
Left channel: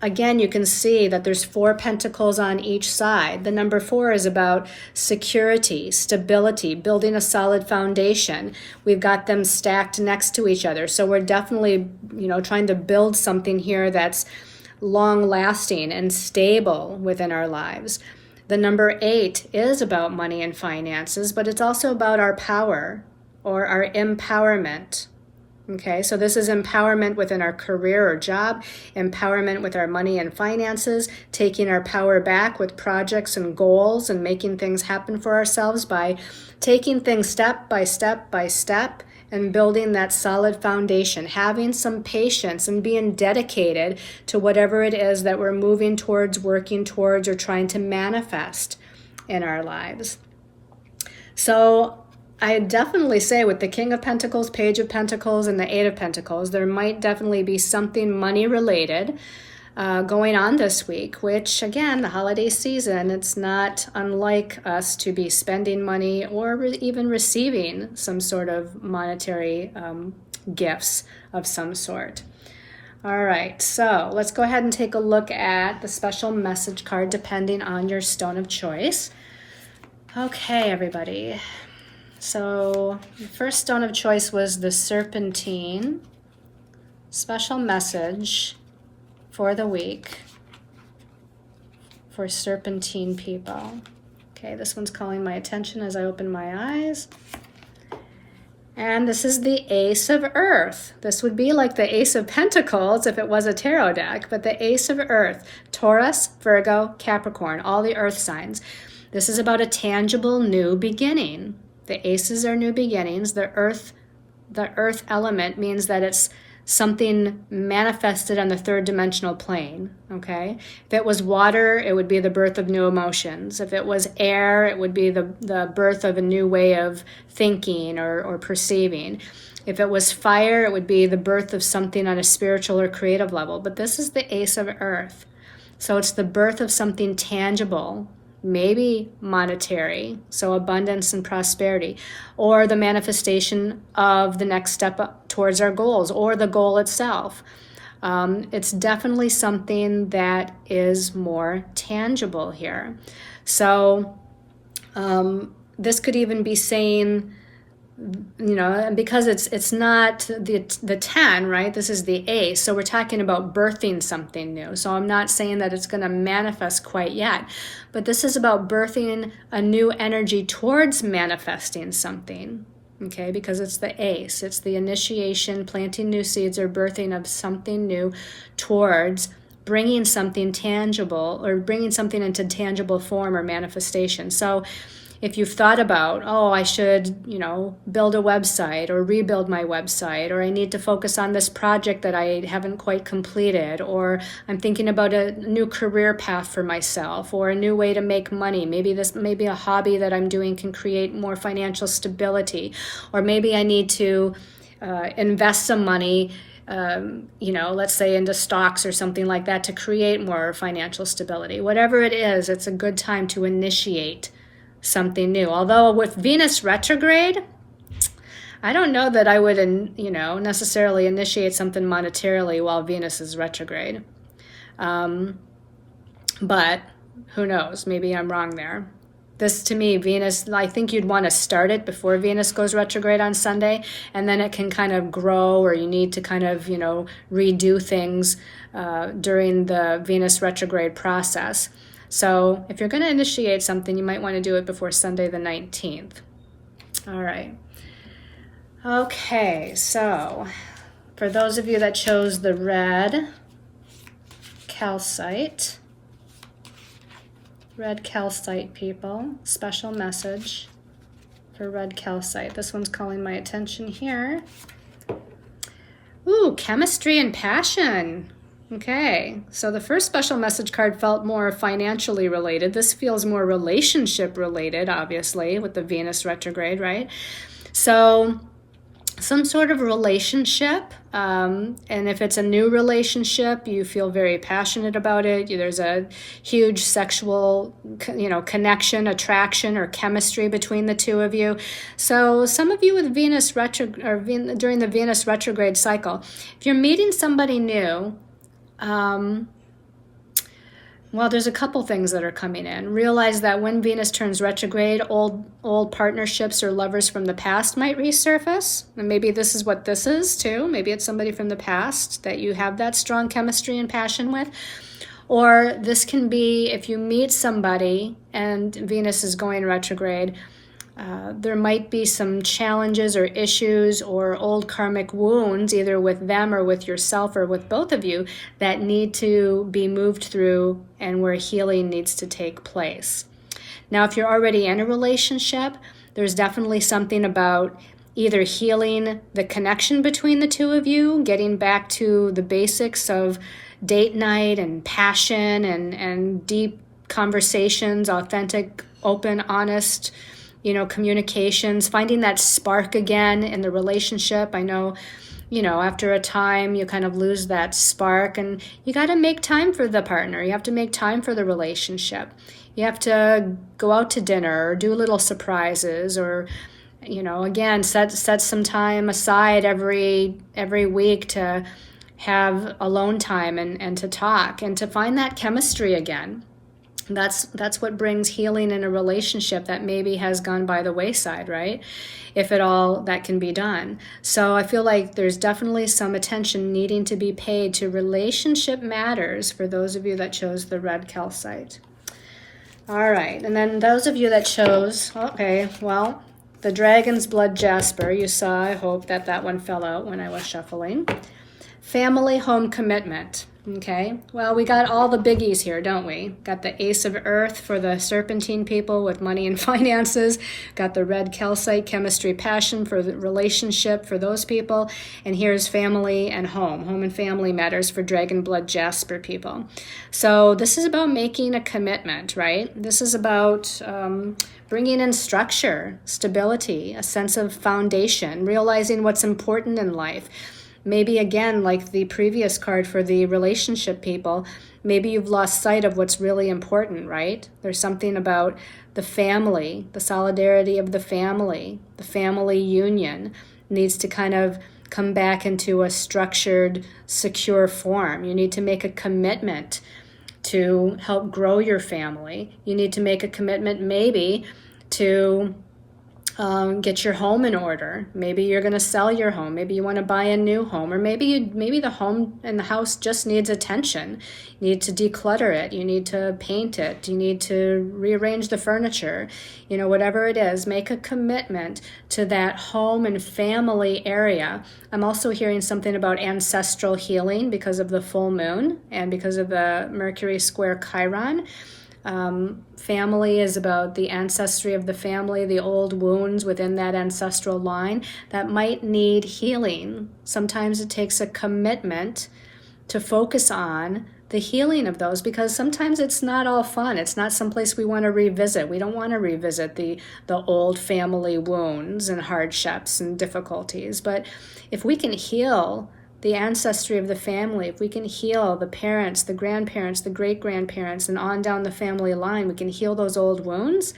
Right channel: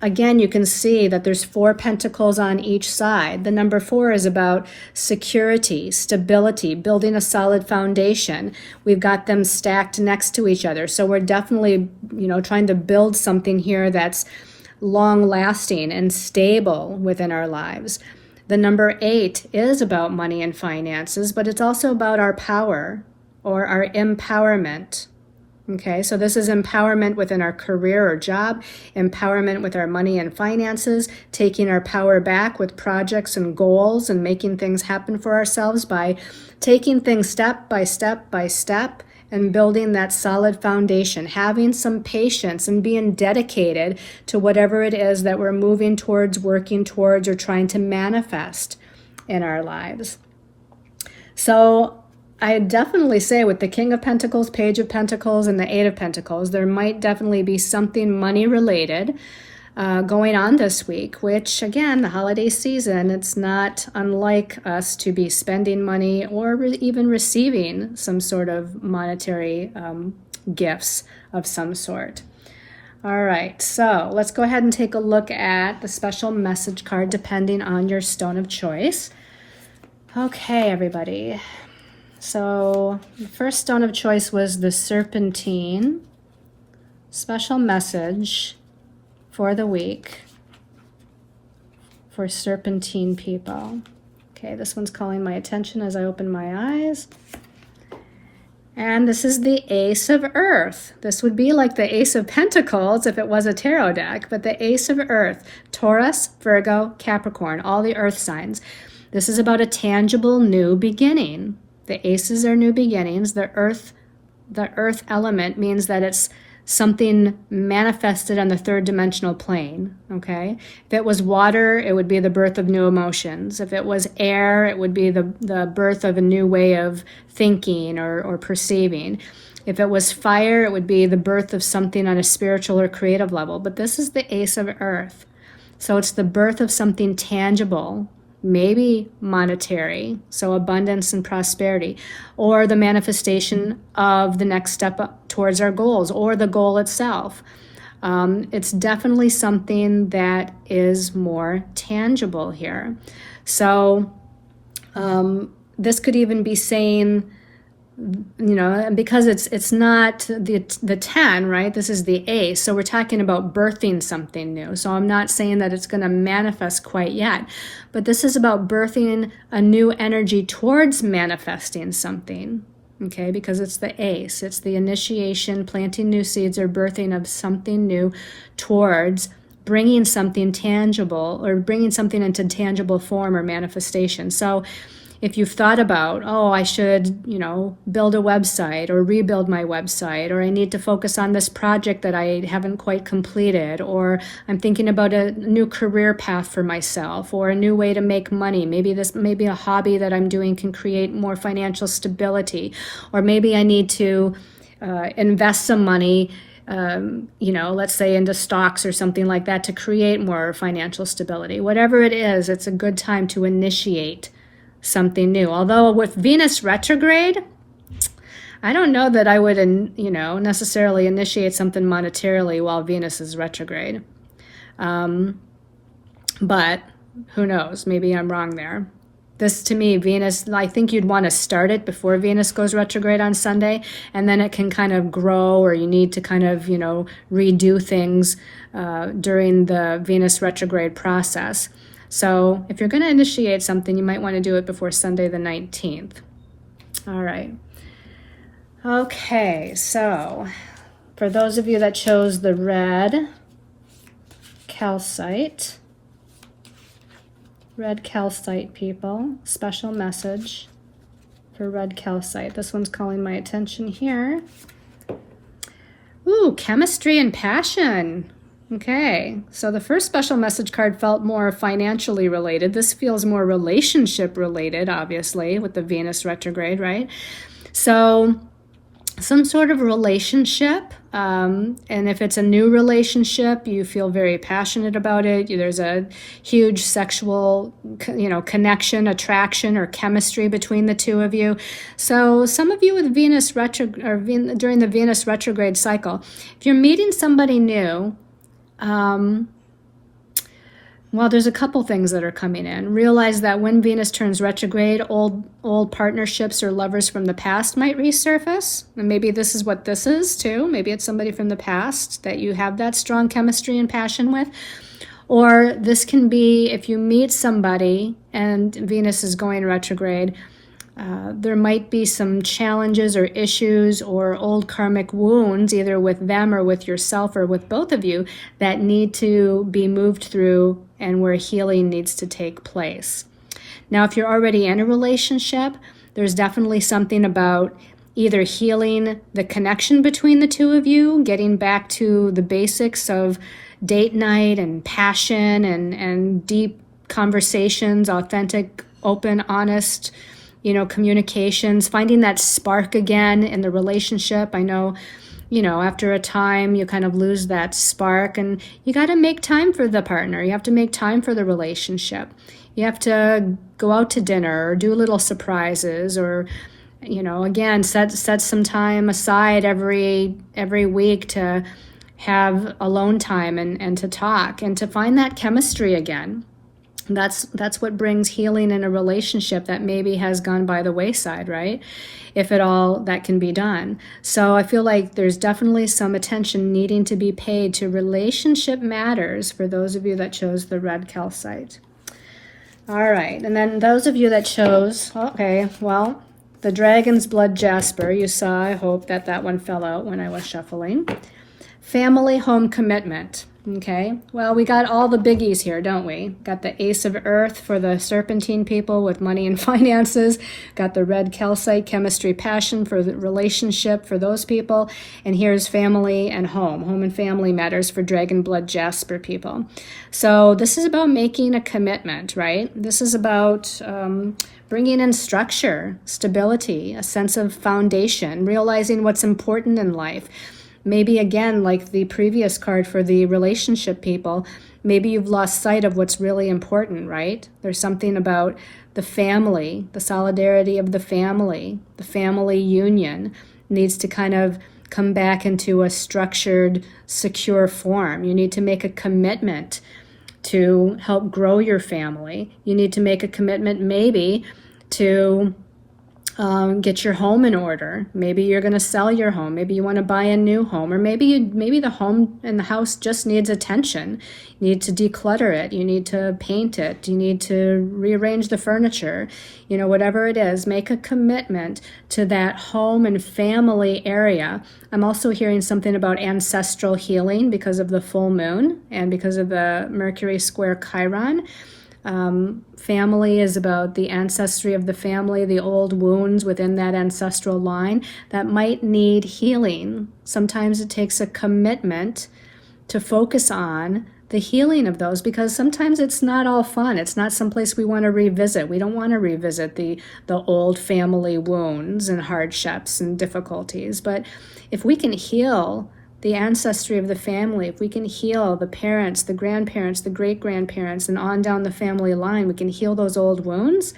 Again, you can see that there's 4 pentacles on each side. The number 4 is about security, stability, building a solid foundation. We've got them stacked next to each other. So we're definitely, trying to build something here that's long-lasting and stable within our lives. The number 8 is about money and finances, but it's also about our power or our empowerment. Okay, so this is empowerment within our career or job, empowerment with our money and finances, taking our power back with projects and goals and making things happen for ourselves by taking things step by step by step and building that solid foundation, having some patience and being dedicated to whatever it is that we're moving towards, working towards, or trying to manifest in our lives. So I definitely say with the King of Pentacles, Page of Pentacles, and the Eight of Pentacles, there might definitely be something money-related going on this week, which, again, the holiday season, it's not unlike us to be spending money or even receiving some sort of monetary gifts of some sort. All right, so let's go ahead and take a look at the special message card depending on your stone of choice. Okay, everybody. So the first stone of choice was the Serpentine. Special message for the week for Serpentine people. Okay, this one's calling my attention as I open my eyes. And this is the Ace of Earth. This would be like the Ace of Pentacles if it was a tarot deck, but the Ace of Earth, Taurus, Virgo, Capricorn, all the earth signs. This is about a tangible new beginning. The aces are new beginnings. The earth element means that it's something manifested on the third dimensional plane, okay? If it was water, it would be the birth of new emotions. If it was air, it would be the birth of a new way of thinking or perceiving. If it was fire, it would be the birth of something on a spiritual or creative level. But this is the Ace of Earth. So it's the birth of something tangible maybe monetary, so abundance and prosperity, or the manifestation of the next step up towards our goals, or the goal itself. It's definitely something that is more tangible here. So this could even be saying, because it's not the 10, right? This is the ace. So we're talking about birthing something new. So I'm not saying that it's going to manifest quite yet, but this is about birthing a new energy towards manifesting something. Okay, because it's the ace. It's the initiation, planting new seeds, or birthing of something new towards bringing something tangible, or bringing something into tangible form or manifestation. So if you've thought about, I should, build a website or rebuild my website, or I need to focus on this project that I haven't quite completed, or I'm thinking about a new career path for myself, or a new way to make money. Maybe a hobby that I'm doing can create more financial stability, or maybe I need to invest some money, let's say into stocks or something like that to create more financial stability. Whatever it is, it's a good time to initiate something new. Although with Venus retrograde, I don't know that I would, necessarily initiate something monetarily while Venus is retrograde. But who knows? Maybe I'm wrong there. This, to me, Venus, I think you'd want to start it before Venus goes retrograde on Sunday, and then it can kind of grow, or you need to kind of, redo things during the Venus retrograde process. So if you're going to initiate something, you might want to do it before Sunday the 19th. All right. Okay, so for those of you that chose the red calcite people, special message for red calcite. This one's calling my attention here. Ooh, chemistry and passion. Okay, so the first special message card felt more financially related. This feels more relationship related, obviously, with the Venus retrograde, right? So some sort of relationship, and if it's a new relationship, you feel very passionate about it. There's a huge sexual, connection, attraction, or chemistry between the two of you. So some of you with Venus during the Venus retrograde cycle, if you're meeting somebody new, there's a couple things that are coming in. Realize that when Venus turns retrograde, old partnerships or lovers from the past might resurface. And maybe this is what this is too. Maybe it's somebody from the past that you have that strong chemistry and passion with. Or this can be if you meet somebody and Venus is going retrograde, there might be some challenges or issues or old karmic wounds, either with them or with yourself or with both of you, that need to be moved through and where healing needs to take place. Now, if you're already in a relationship, there's definitely something about either healing the connection between the two of you, getting back to the basics of date night and passion and deep conversations, authentic, open, honest, communications, finding that spark again in the relationship. I know, after a time you kind of lose that spark, and you got to make time for the partner. You have to make time for the relationship. You have to go out to dinner or do little surprises, or, again, set some time aside every week to have alone time and to talk and to find that chemistry again. That's what brings healing in a relationship that maybe has gone by the wayside, right? If at all that can be done. So I feel like there's definitely some attention needing to be paid to relationship matters for those of you that chose the red calcite. All right, and then those of you that chose, the dragon's blood jasper, you saw, I hope that one fell out when I was shuffling. Family, home, commitment. Okay, well, we got all the biggies here, don't we? Got the Ace of Earth for the Serpentine people with money and finances. Got the red calcite, chemistry, passion for the relationship for those people. And here's family and home. Home and family matters for dragon blood jasper people. So this is about making a commitment, right? This is about bringing in structure, stability, a sense of foundation, realizing what's important in life. Maybe again, like the previous card for the relationship people, maybe you've lost sight of what's really important, right? There's something about the family, the solidarity of the family union needs to kind of come back into a structured, secure form. You need to make a commitment to help grow your family. You need to make a commitment maybe to get your home in order. Maybe you're going to sell your home. Maybe you want to buy a new home, or maybe the home and the house just needs attention. You need to declutter it. You need to paint it. You need to rearrange the furniture. Whatever it is, make a commitment to that home and family area. I'm also hearing something about ancestral healing because of the full moon and because of the Mercury square Chiron. Family is about the ancestry of the family, the old wounds within that ancestral line that might need healing. Sometimes it takes a commitment to focus on the healing of those, because sometimes it's not all fun. It's not someplace we want to revisit. We don't want to revisit the old family wounds and hardships and difficulties. But if we can heal the ancestry of the family, if we can heal the parents, the grandparents, the great-grandparents, and on down the family line, we can heal those old wounds,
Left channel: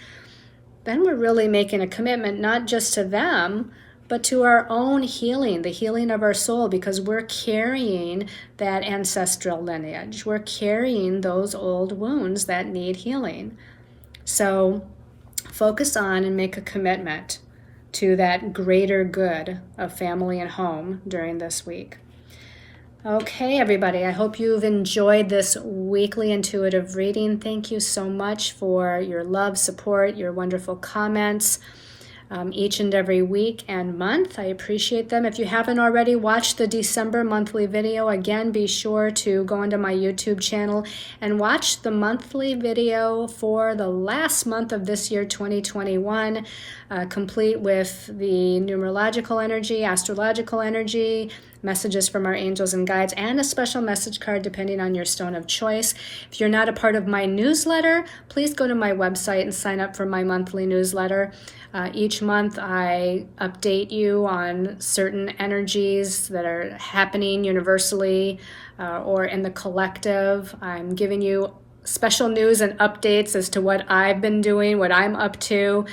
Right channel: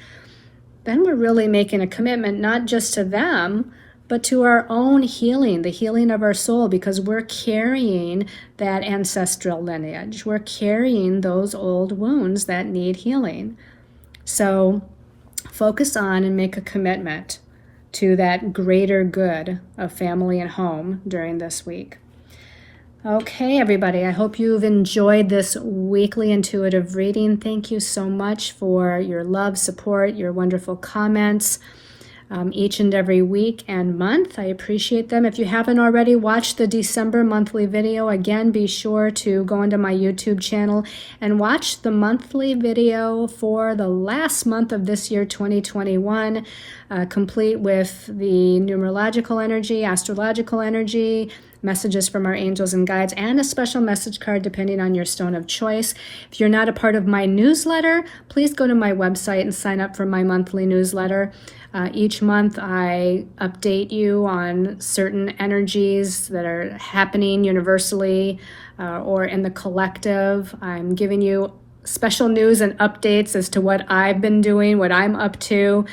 then we're really making a commitment not just to them, but to our own healing, the healing of our soul, because we're carrying that ancestral lineage. We're carrying those old wounds that need healing. So focus on and make a commitment to that greater good of family and home during this week. Okay, everybody, I hope you've enjoyed this weekly intuitive reading. Thank you so much for your love, support, your wonderful comments each and every week and month. I appreciate them. If you haven't already watched the December monthly video, again, be sure to go into my YouTube channel and watch the monthly video for the last month of this year, 2021, complete with the numerological energy, astrological energy, messages from our angels and guides, and a special message card depending on your stone of choice. If you're not a part of my newsletter, please go to my website and sign up for my monthly newsletter. Each month I update you on certain energies that are happening universally or in the collective. I'm giving you special news and updates as to what I've been doing, what I'm up to.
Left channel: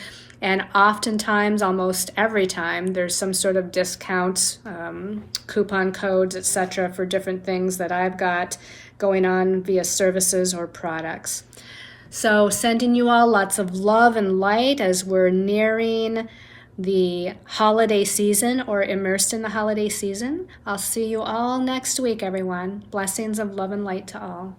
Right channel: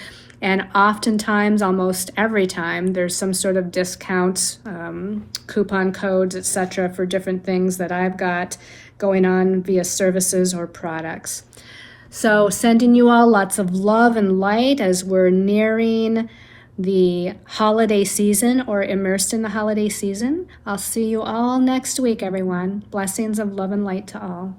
And oftentimes, almost every time, there's some sort of discounts, coupon codes, etc. for different things that I've got going on via services or products. So sending you all lots of love and light as we're nearing the holiday season or immersed in the holiday season. I'll see you all next week, everyone. Blessings of love and light to all.